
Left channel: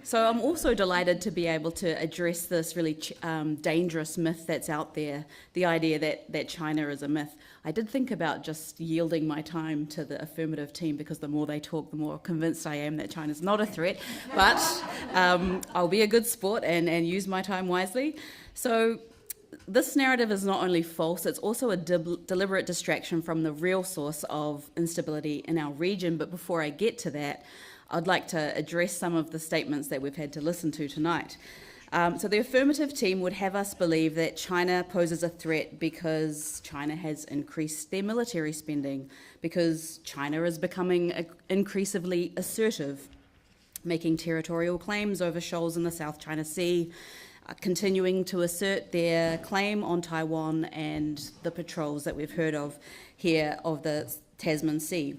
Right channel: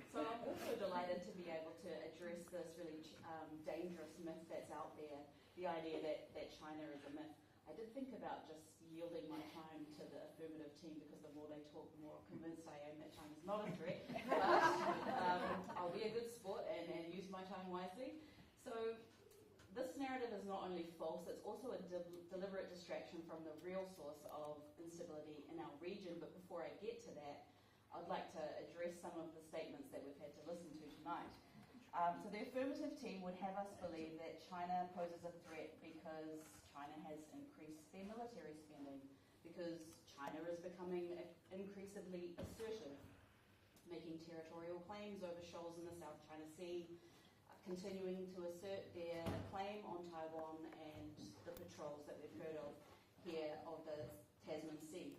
So I'm also delighted to be able to address this really dangerous myth that's out there, the idea that China is a myth. I did think about just yielding my time to the affirmative team, because the more they talk, the more convinced I am that China's not a threat. But I'll be a good sport and use my time wisely. So this narrative is not only false, it's also a deliberate distraction from the real source of instability in our region. But before I get to that, I'd like to address some of the statements that we've had to listen to tonight. So the affirmative team would have us believe that China poses a threat because China has increased their military spending, because China is becoming increasingly assertive, making territorial claims over shoals in the South China Sea, continuing to assert their claim on Taiwan and the patrols that we've heard of here of the Tasman Sea.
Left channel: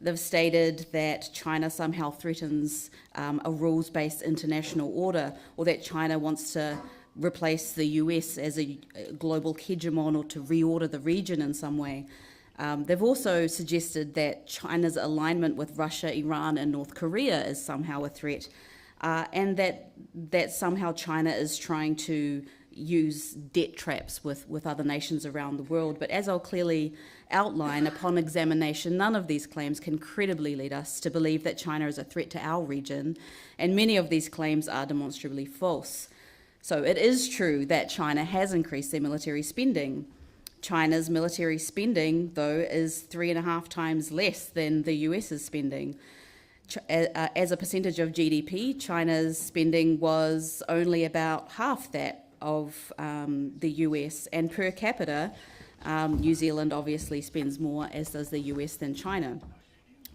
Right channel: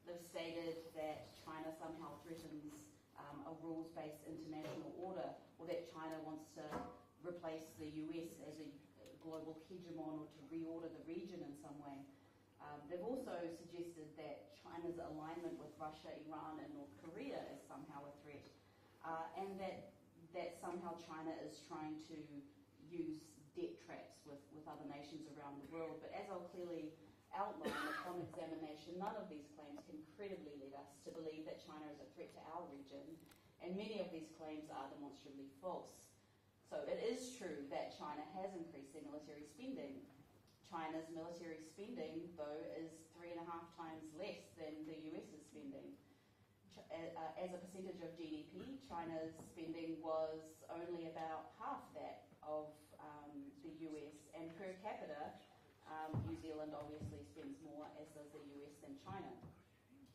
They've stated that China somehow threatens a rules-based international order, or that China wants to replace the US as a global hegemon, or to reorder the region in some way. They've also suggested that China's alignment with Russia, Iran and North Korea is somehow a threat, and that somehow China is trying to use debt traps with other nations around the world. But as I'll clearly outline, upon examination, none of these claims can credibly lead us to believe that China is a threat to our region, and many of these claims are demonstrably false. So it is true that China has increased their military spending. China's military spending, though, is 3.5 times less than the US's spending. As a percentage of GDP, China's spending was only about half that of the US, and per capita, New Zealand obviously spends more, as does the US, than China.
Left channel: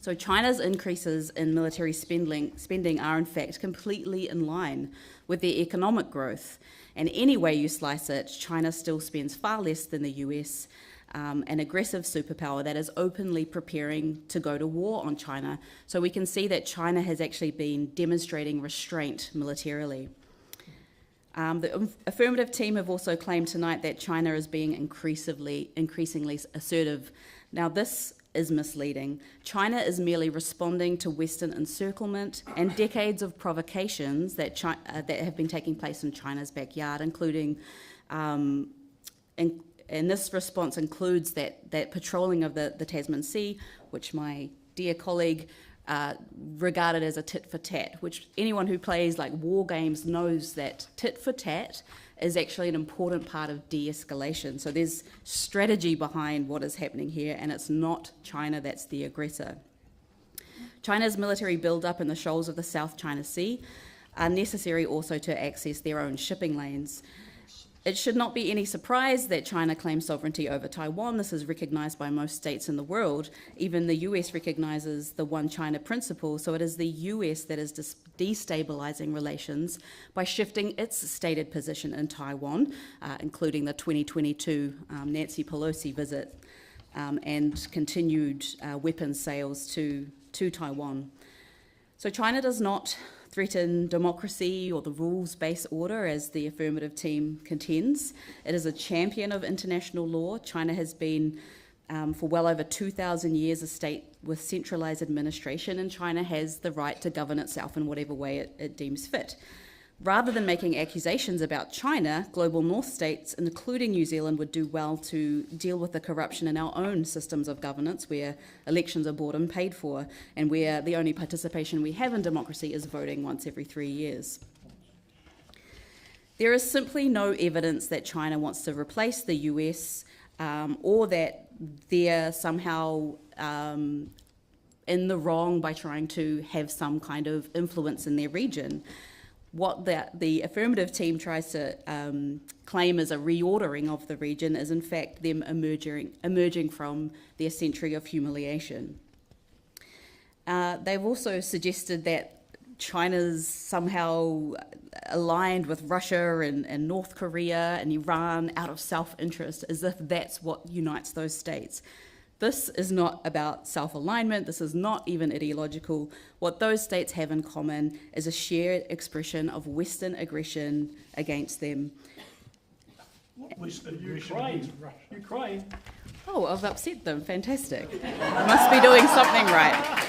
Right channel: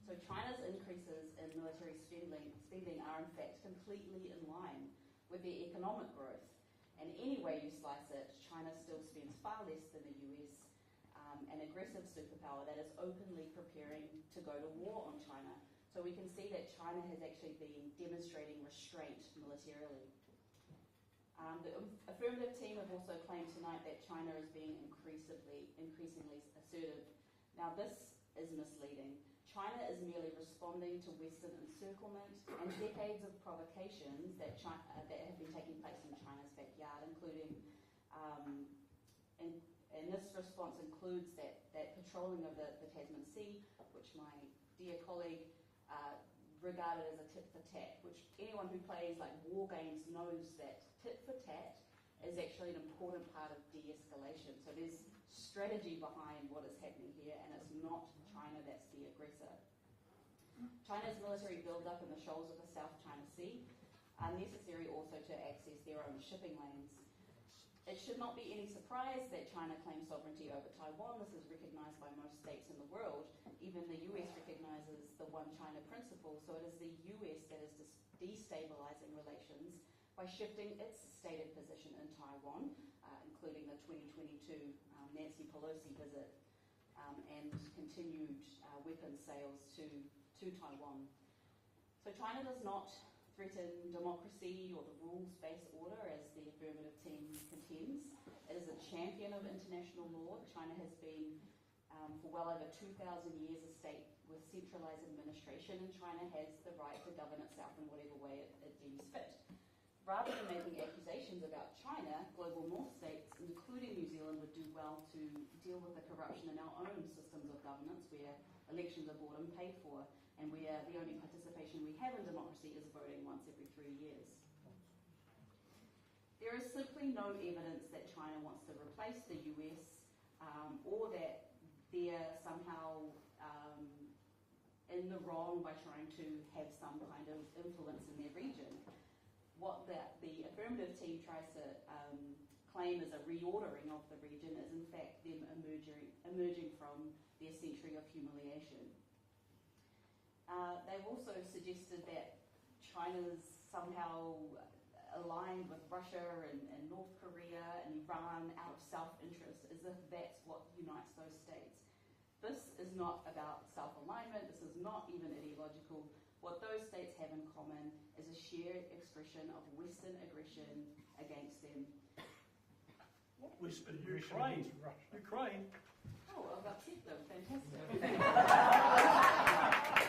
So China's increases in military spending are in fact completely in line with their economic growth. And any way you slice it, China still spends far less than the US, an aggressive superpower that is openly preparing to go to war on China. So we can see that China has actually been demonstrating restraint militarily. The affirmative team have also claimed tonight that China is being increasingly assertive. Now, this is misleading. China is merely responding to Western encirclement and decades of provocations that have been taking place in China's backyard, including, and this response includes that patrolling of the Tasman Sea, which my dear colleague regarded as a tit for tat, which anyone who plays like war games knows that tit for tat is actually an important part of de-escalation. So there's strategy behind what is happening here, and it's not China that's the aggressor. China's military build-up in the shoals of the South China Sea are necessary also to access their own shipping lanes. It should not be any surprise that China claims sovereignty over Taiwan. This is recognised by most states in the world. Even the US recognises the One China principle, so it is the US that is destabilising relations by shifting its stated position in Taiwan, including the 2022 Nancy Pelosi visit and continued weapons sales to Taiwan. So China does not threaten democracy or the rules-based order, as the affirmative team contends. It is a champion of international law. China has been, for well over 2,000 years, a state with centralised administration, and China has the right to govern itself in whatever way it deems fit. Rather than making accusations about China, global North states, including New Zealand, would do well to deal with the corruption in our own systems of governance, where elections are bought and paid for, and where the only participation we have in democracy is voting once every 3 years. There is simply no evidence that China wants to replace the US or that they're somehow in the wrong by trying to have some kind of influence in their region. What the affirmative team tries to claim as a reordering of the region is in fact them emerging from their century of humiliation. They've also suggested that China's somehow aligned with Russia and North Korea and Iran out of self-interest, as if that's what unites those states. This is not about self-alignment. This is not even ideological. What those states have in common is a shared expression of Western aggression against them. What was the Ukraine? Ukraine. Oh, I've upset them. Fantastic. I must be doing something right.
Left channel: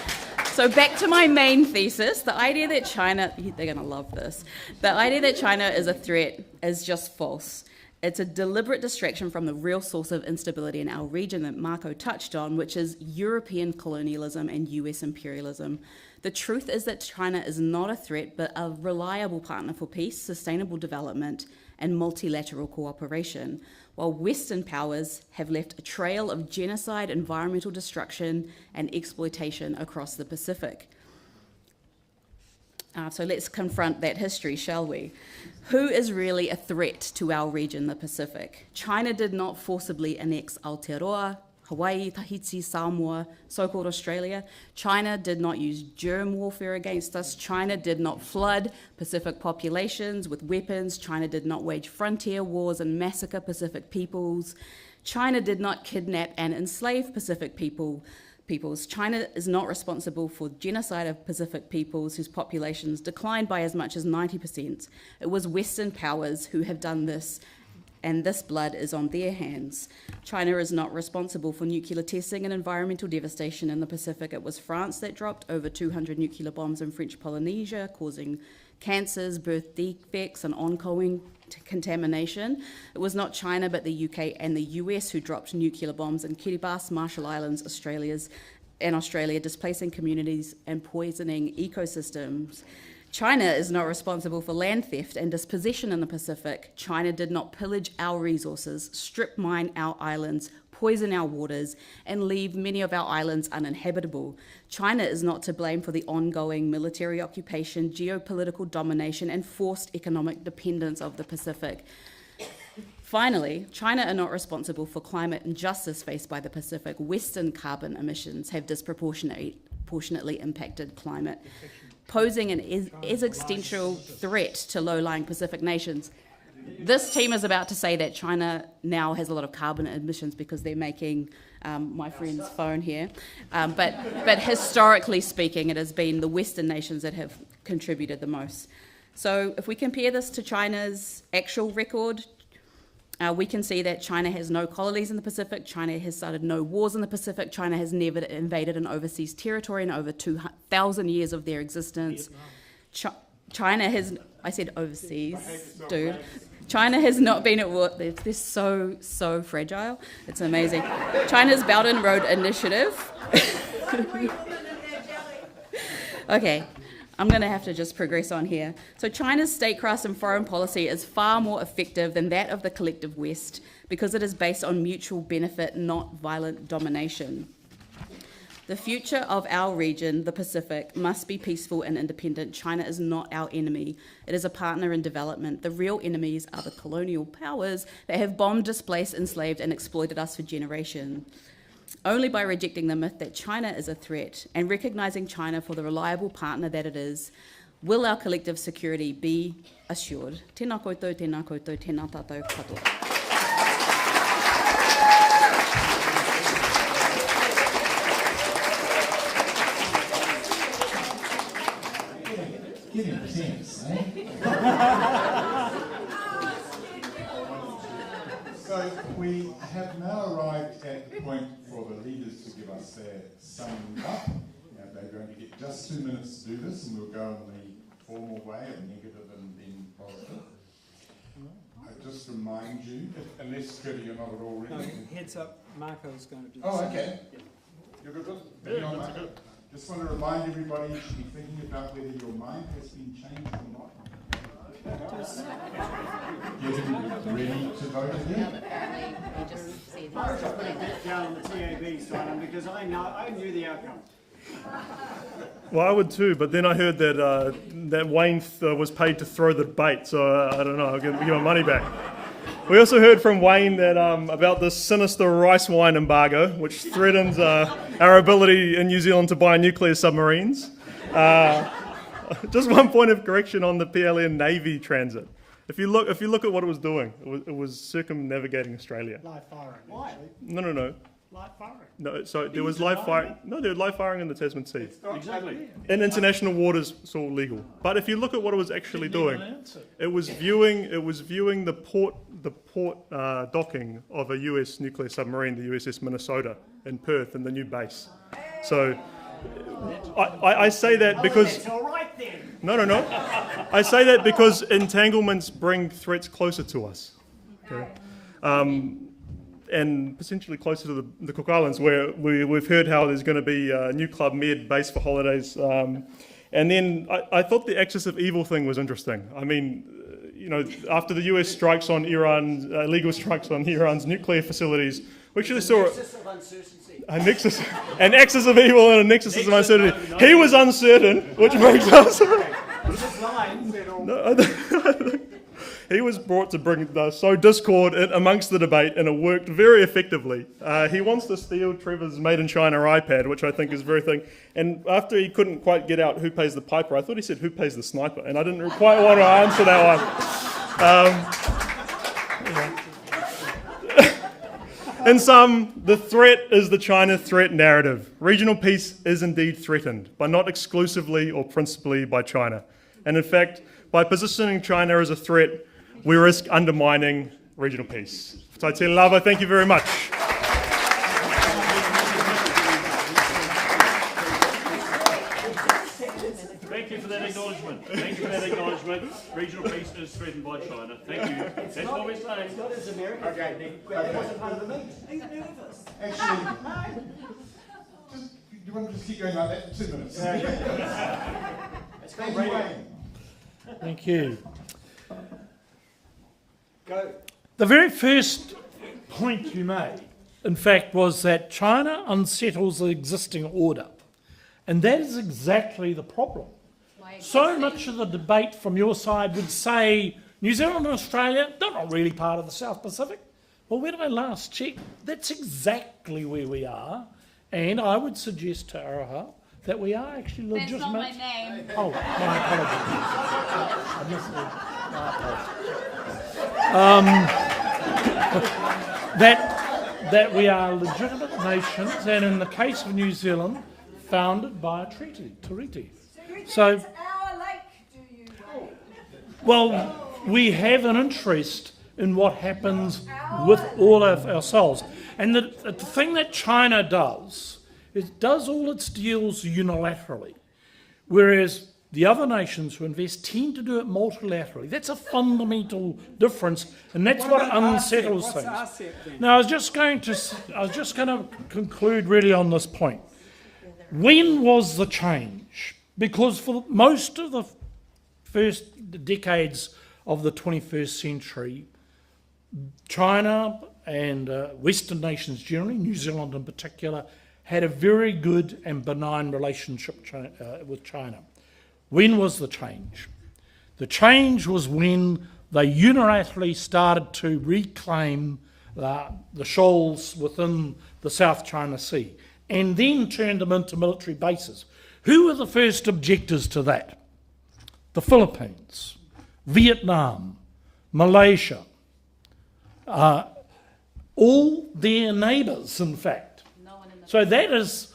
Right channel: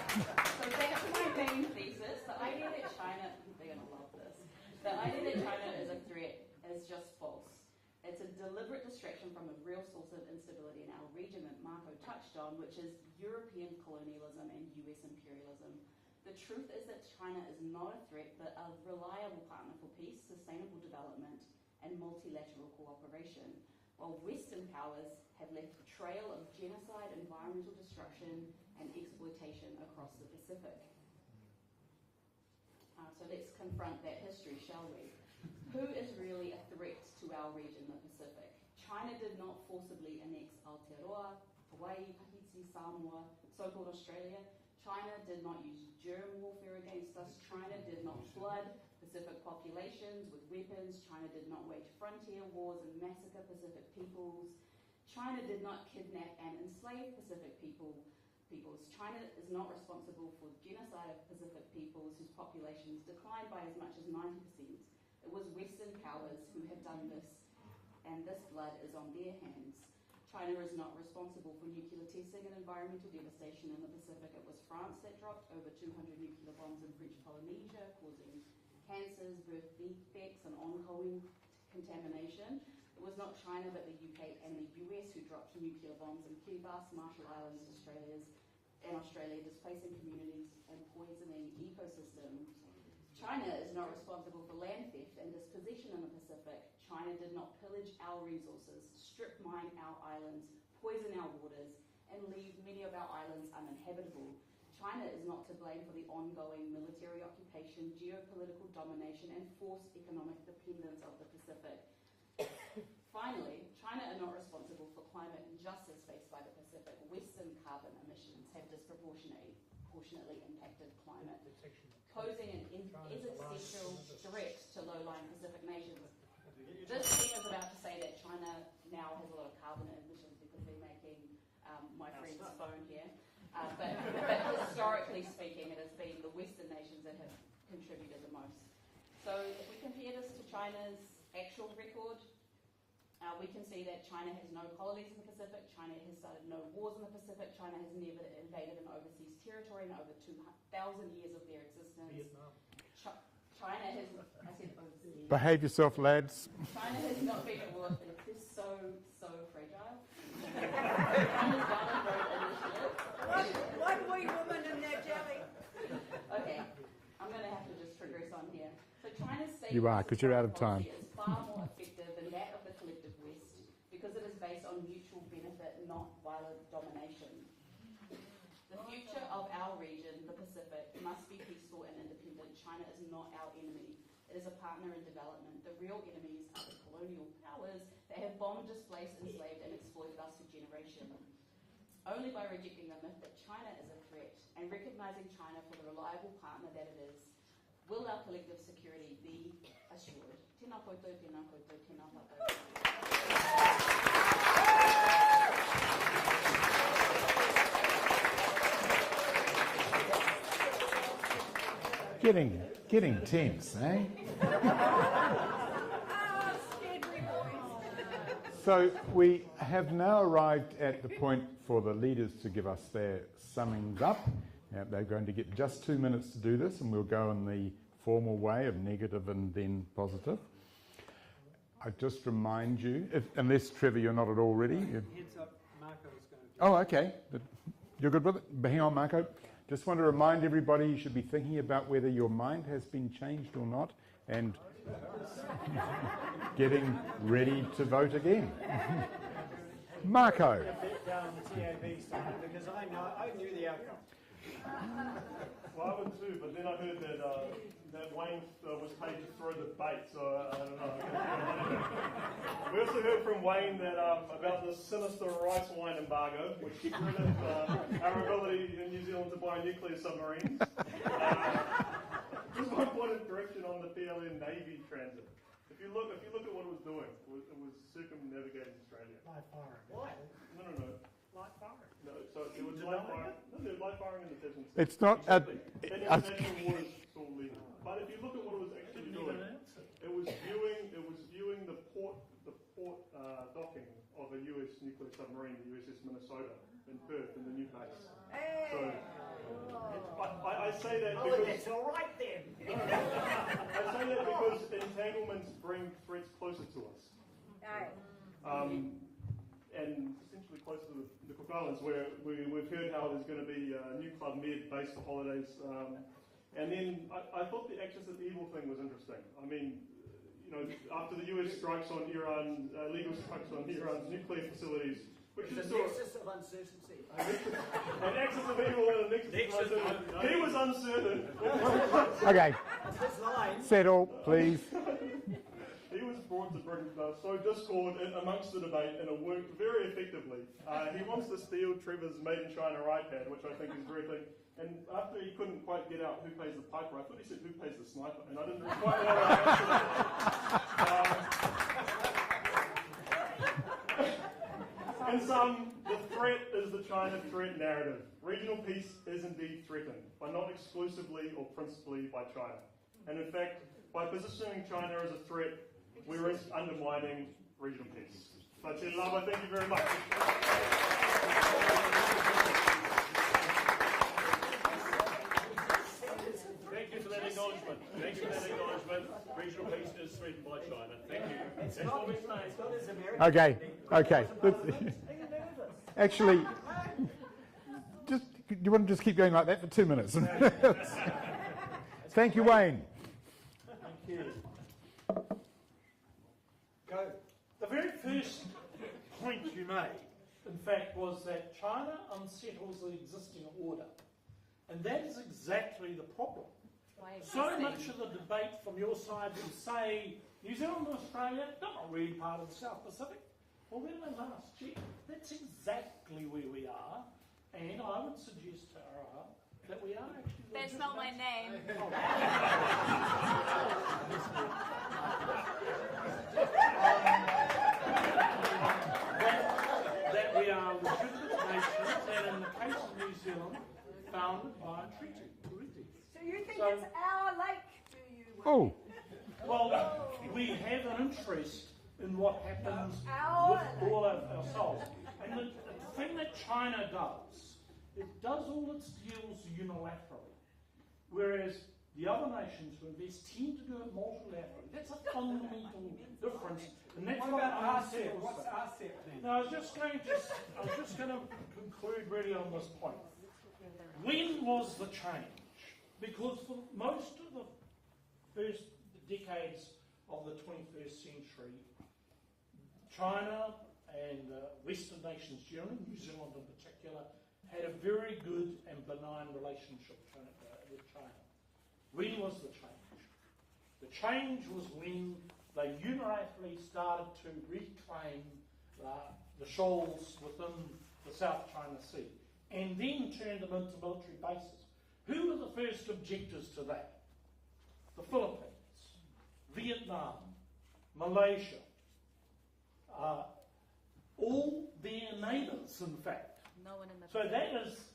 So back to my main thesis, the idea that China, they're going to love this, the idea that China is a threat is just false. It's a deliberate distraction from the real source of instability in our region that Marco touched on, which is European colonialism and US imperialism. The truth is that China is not a threat, but a reliable partner for peace, sustainable development, and multilateral cooperation, while Western powers have left a trail of genocide, environmental destruction, and exploitation across the Pacific. So let's confront that history, shall we? Who is really a threat to our region, the Pacific? China did not forcibly annex Aotearoa, Hawaii, Tahiti, Samoa, so-called Australia. China did not use germ warfare against us. China did not flood Pacific populations with weapons. China did not wage frontier wars and massacre Pacific peoples. China did not kidnap and enslave Pacific peoples. China is not responsible for genocide of Pacific peoples whose populations declined by as much as 90%. It was Western powers who have done this, and this blood is on their hands. China is not responsible for nuclear testing and environmental devastation in the Pacific. It was France that dropped over 200 nuclear bombs in French Polynesia, causing cancers, birth defects, and ongoing contamination. It was not China, but the UK and the US who dropped nuclear bombs in Kiribati, Marshall Islands, Australia, displacing communities and poisoning ecosystems. China is not responsible for land theft and dispossession in the Pacific. China did not pillage our resources, strip mine our islands, poison our waters, and leave many of our islands uninhabitable. China is not to blame for the ongoing military occupation, geopolitical domination, and forced economic dependence of the Pacific. Finally, China are not responsible for climate injustice faced by the Pacific. Western carbon emissions have disproportionately impacted climate, posing an existential threat to low-lying Pacific nations. This team is about to say that China now has a lot of carbon emissions because they're making my friend's phone here. But historically speaking, it has been the Western nations that have contributed the most. So if we compare this to China's actual record, we can see that China has no colonies in the Pacific, China has started no wars in the Pacific, China has never invaded an overseas territory in over 2,000 years of their existence. China has, I said overseas. Behave yourself, dude. lads. China has not been at war. They're so fragile. It's amazing. China's Belt and Road Initiative. Okay, I'm going to have to just progress on here. So China's statecraft and foreign policy is far more effective than that of the collective West because it is based on mutual benefit, not violent domination. The future of our region, the Pacific, must be peaceful and independent. China is not our enemy. It is a partner in development. The real enemies are the colonial powers that have bombed, displaced, enslaved, and exploited us for generations. Only by rejecting the myth that China is a threat and recognising China for the reliable partner that it is, will our collective security be assured. Tēnā koutou, tēnā koutou, tēnā tātou katoa. Getting tense, eh? So we have now arrived at the point for the leaders to give us their summings up. Now they're going to get just 2 minutes to do this, and we'll go in the formal way of negative and then positive. I just remind you, unless Trevor, you're not at all ready. Heads up, Marco's going to do Oh, okay. You're good with it? Hang on, Marco. Just want to remind everybody you should be thinking about whether your mind has been changed or not, and getting ready to vote again. Marco. Down on the TAB sign because I knew the outcome. Well, I would too, but then I heard that that Wayne was paid to throw the bait, so I don't know, I'll give my money back. We also heard from Wayne that about this sinister rice wine embargo, which threatens our ability in New Zealand to buy nuclear submarines. Just one point of correction on the PLN Navy transit. If you look at what it was doing, it was circumnavigating Australia. Live firing. Why? No. Live firing. No, so there was live firing. No, there was live firing in the Tasman Sea. It's not in international waters. It's all legal. But if you look at what it was actually doing, it was viewing the port docking of a US nuclear submarine, the USS Minnesota in Perth, in the new base. So I say that because It's all right then. no. I say that because entanglements bring threats closer to us. and potentially closer to the Cook Islands, where we've heard how there's going to be a new Club Med base for holidays. And then I thought the axis of evil thing was interesting. I mean, after the US strikes on Iran, illegal strikes on Iran's nuclear facilities, we actually saw an axis of evil and a nexus of uncertainty. He was uncertain, which makes us. He was brought to bring sow discord amongst the debate, and it worked very effectively. He wants to steal Trevor's Made in China iPad, which I think is very thing. And after he couldn't quite get out who pays the piper, I thought he said who pays the sniper, and I didn't quite want to answer that one. In sum, the threat is the China threat narrative. Regional peace is indeed threatened, but not exclusively or principally by China. And in fact, by positioning China as a threat, we risk undermining regional peace. Taitele Lava, thank you very much. Thank you for that acknowledgement. Thank you for that acknowledgement. Regional peace is threatened by China. Thank you. That's what we're saying. Okay. Actually, you want to just keep going like that for 2 minutes? Thank you, Wayne. Thank you. The very first point you made, in fact, was that China unsettles the existing order. And that is exactly the problem. So much of the debate from your side would say New Zealand and Australia, they're not really part of the South Pacific. Well, where did I last check? That's exactly where we are. And I would suggest to Arama that we are actually legitimate. That's not my name. Oh, my apologies. That we are legitimate nations, and in the case of New Zealand, founded by a treaty. So, it's our lake, do you? Oh, well, we have an interest in what happens with all of ourselves. And the thing that China does, it does all its deals unilaterally, whereas the other nations who invest tend to do it multilaterally. That's a fundamental difference, and that's what unsettles things. Now, I was just going to conclude really on this point. When was the change? Because for most of the first decades of the 21st century, China and Western nations generally, New Zealand in particular, had a very good and benign relationship with China. When was the change? The change was when they unilaterally started to reclaim the shoals within the South China Sea and then turned them into military bases. Who were the first objectors to that? The Philippines, Vietnam, Malaysia, all their neighbours, in fact. So that is,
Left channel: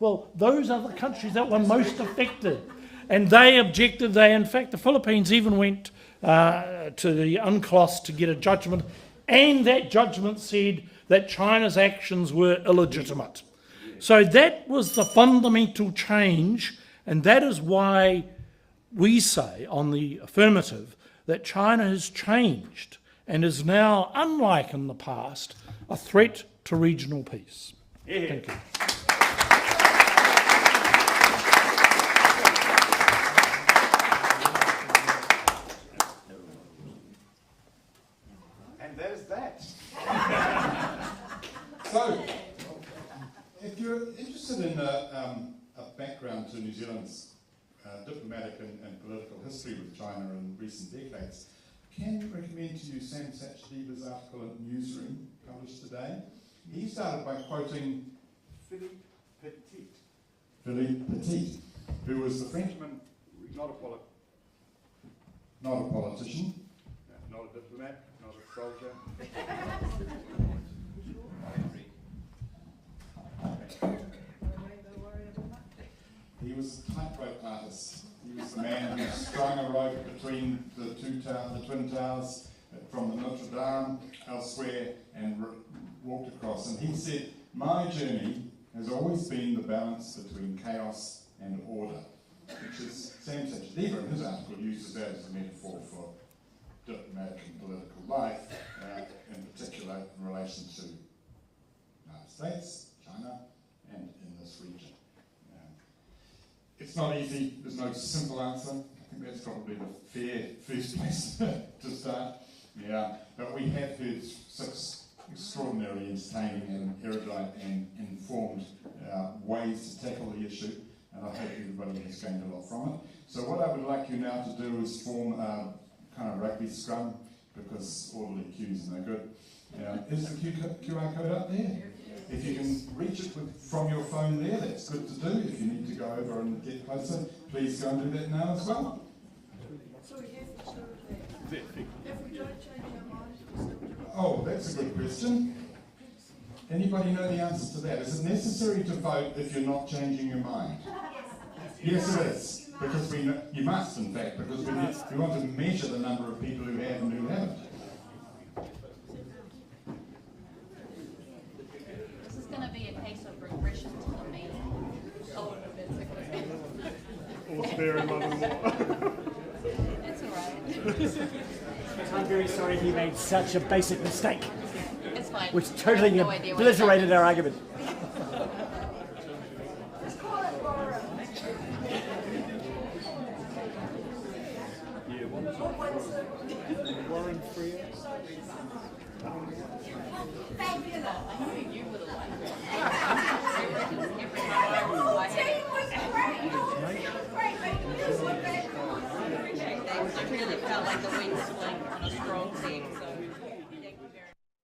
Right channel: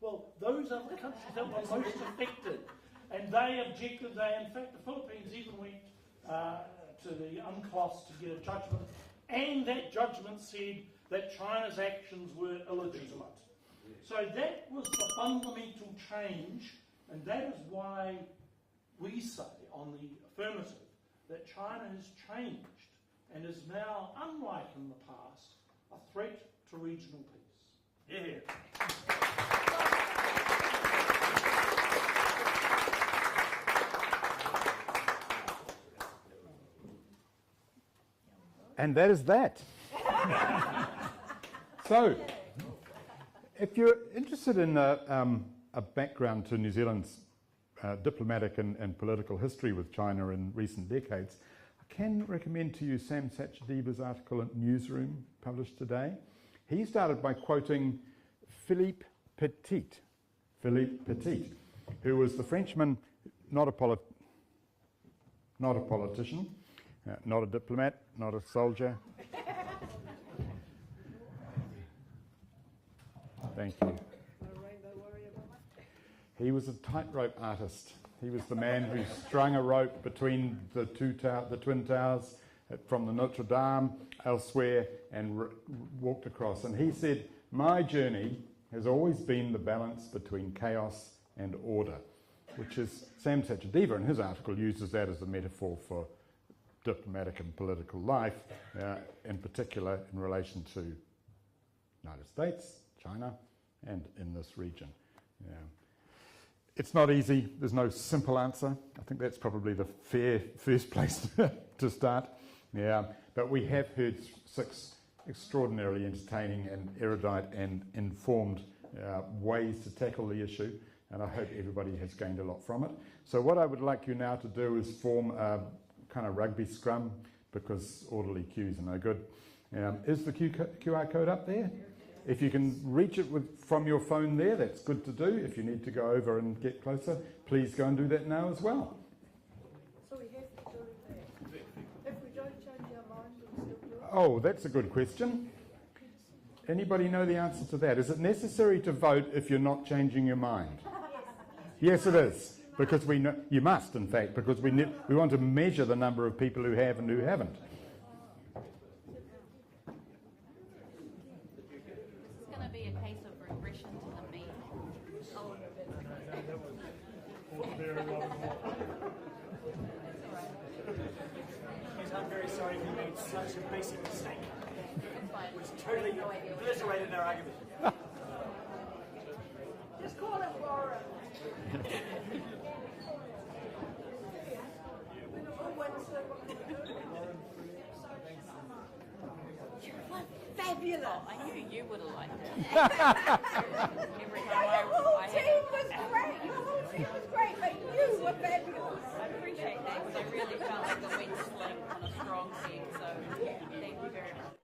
well, those are the countries that were most affected. And they objected. In fact, the Philippines even went to the UNCLOS to get a judgment, and that judgment said that China's actions were illegitimate. So that was the fundamental change, and that is why we say on the affirmative that China has changed and is now, unlike in the past, a threat to regional peace. Yeah. Thank you. and that is that. So, if you're interested in a background to New Zealand's diplomatic and political history with China in recent decades, I can recommend to you Sam Sachdeva's article in Newsroom, published today. He started by quoting Philippe Petit, who was the Frenchman, not a politician, not a diplomat, not a soldier. Thank you. He was a tightrope artist. He was the man who strung a rope between the Twin Towers from the Notre Dame, elsewhere, and walked across. And he said, my journey has always been the balance between chaos and order, which is, Sam Sachadeva in his article uses that as a metaphor for diplomatic and political life, in particular in relation to United States, China, and in this region. It's not easy, there's no simple answer. I think that's probably the fair first place to start. But we have heard 6 extraordinarily entertaining and erudite and informed ways to tackle the issue, and I hope everybody has gained a lot from it. So what I would like you now to do is form a kind of rugby scrum, because orderly queues are no good. Is the QR code up there? If you can reach it from your phone there, that's good to do. If you need to go over and get closer, please go and do that now as well. So if we don't change our minds, we still do it? Oh, that's a good question. Anybody know the answer to that? Is it necessary to vote if you're not changing your mind? Yes, it is. Because we know, you must, in fact, because we want to measure the number of people who have and who haven't. This is going to be a case of regression to the mean. Or spare and mother-in-law. That's all right. I'm very sorry he made such a basic mistake, It's fine. which I have totally no idea what obliterated our argument. Fabulous. I knew you would have liked it. The whole team was great. The whole team was great, but you were better. I appreciate that, 'cause I really felt like the wind swing on a strong team, so thank you very much.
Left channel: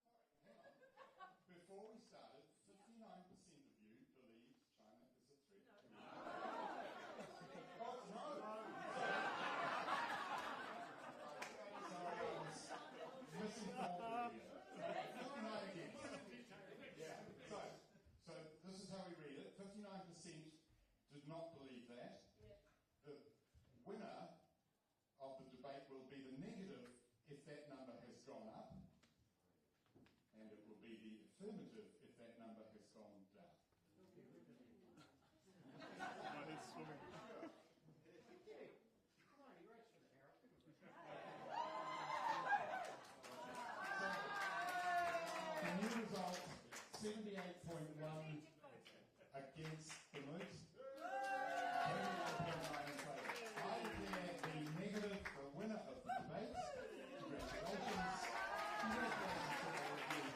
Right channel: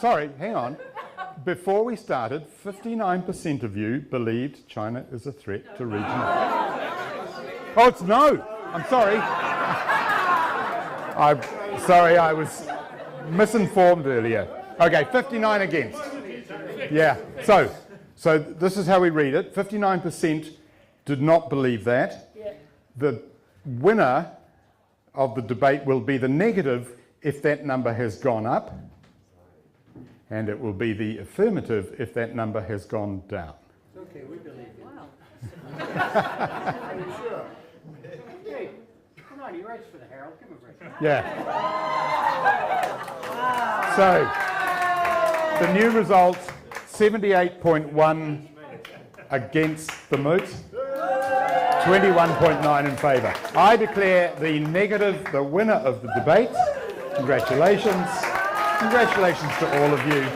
Sorry, hang on. Before we started, 59% of you believed China is a threat to regional. Oh, it's no. I'm sorry. I'm sorry, I was misinformed earlier. Okay, 59 against. Yeah. So this is how we read it. 59% did not believe that. The winner of the debate will be the negative if that number has gone up, and it will be the affirmative if that number has gone down. Okay, we believe you. Wow. Are you sure? Hey, come on, he writes for the Herald. Give him a break. Yeah. So the new results, 78.1 against the moot, 21.9 in favour. I declare the negative the winner of the debate. Congratulations. Congratulations to all of you.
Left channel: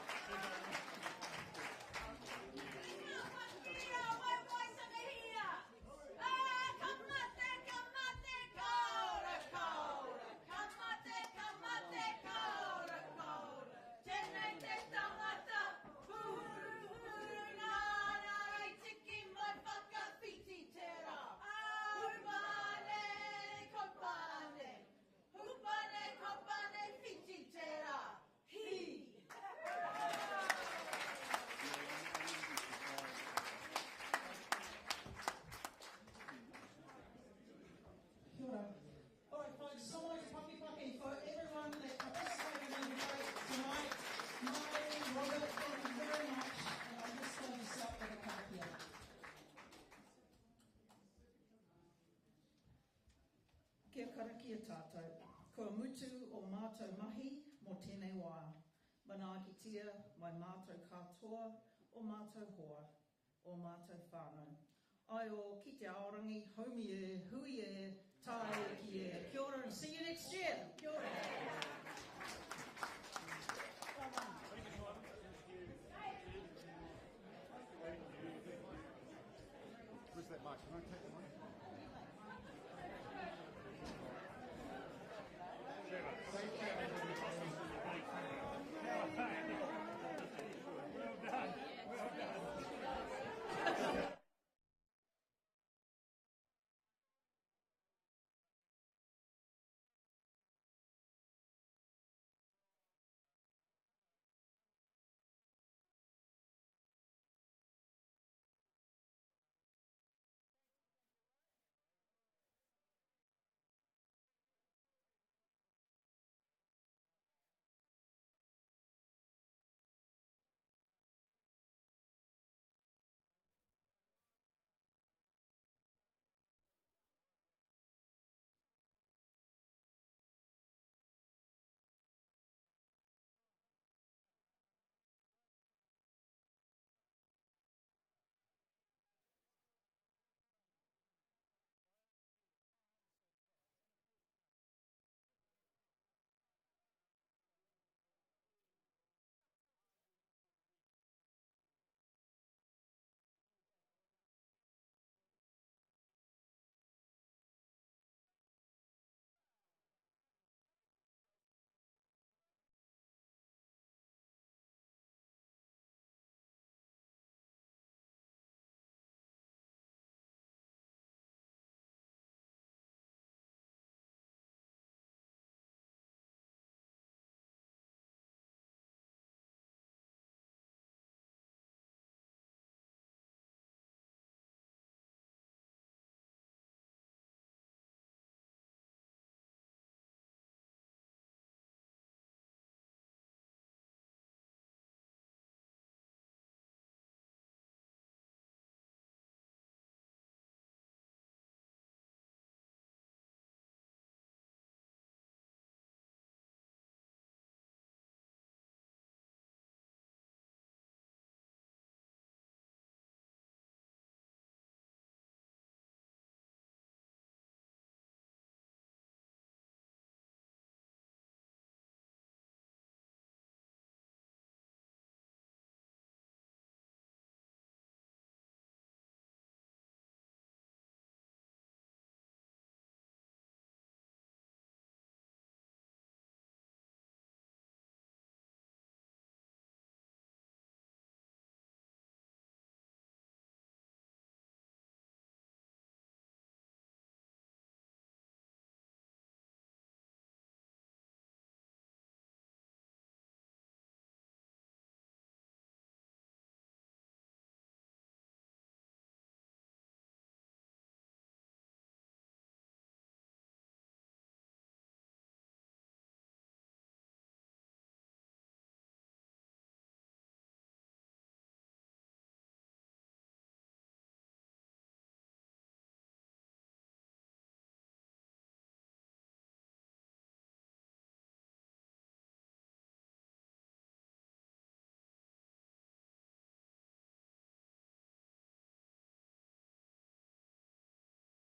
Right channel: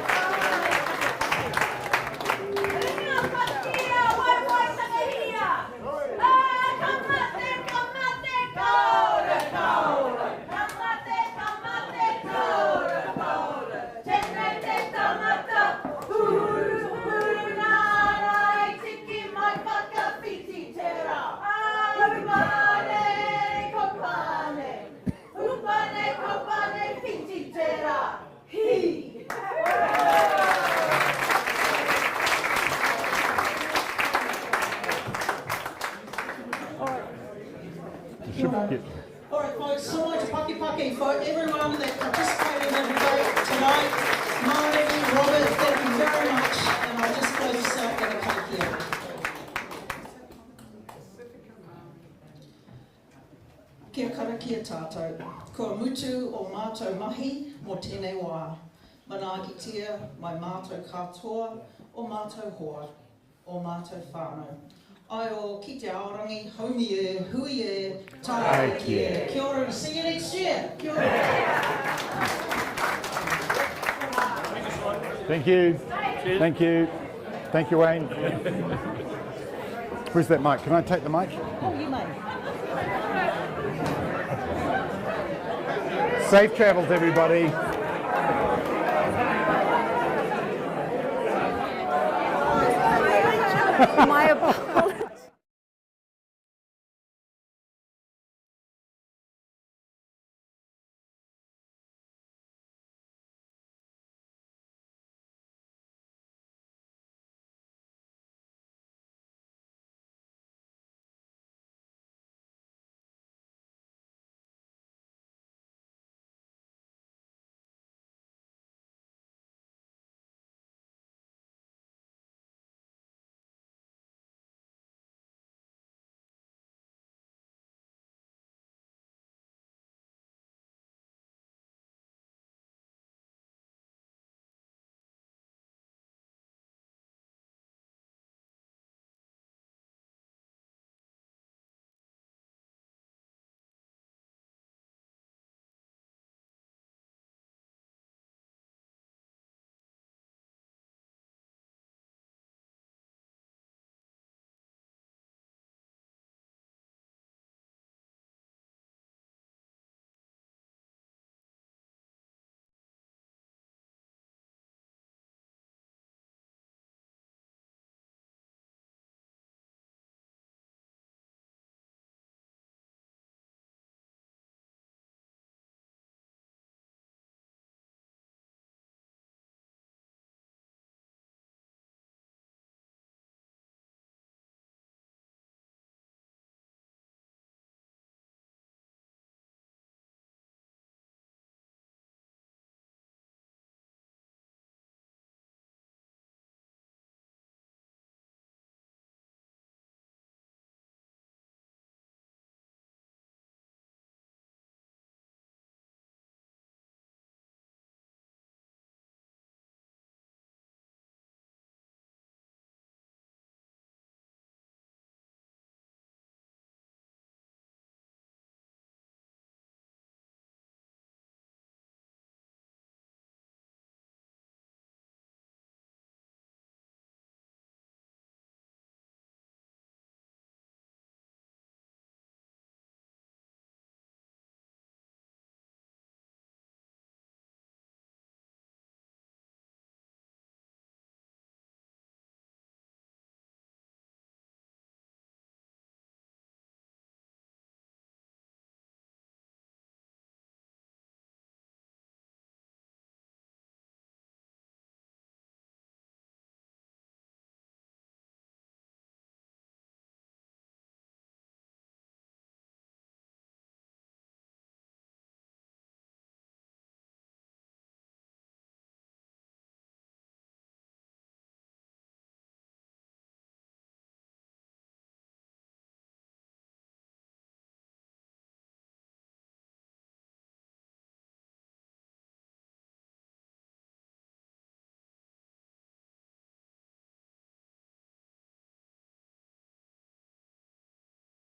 All right, folks, so much paki for everyone that participated in the debate tonight. Marty, Robert, thank you very much. And I'll just close this out with a cake here. Kia kara kia tātou. Kua mutu o mātou mahi mo tēnei wā. Managitia mai mātou katoa o mātou hoa o mātou whānau. Ai o ki te aorangi, haumi e, hui e, tāi ki e. Kia ora and see you next year. Kia ora. Thank you. Thank you. Thank you, Wayne. Where's that mic? Can I take the mic? Oh, you may. Safe travels, everybody. My apologies.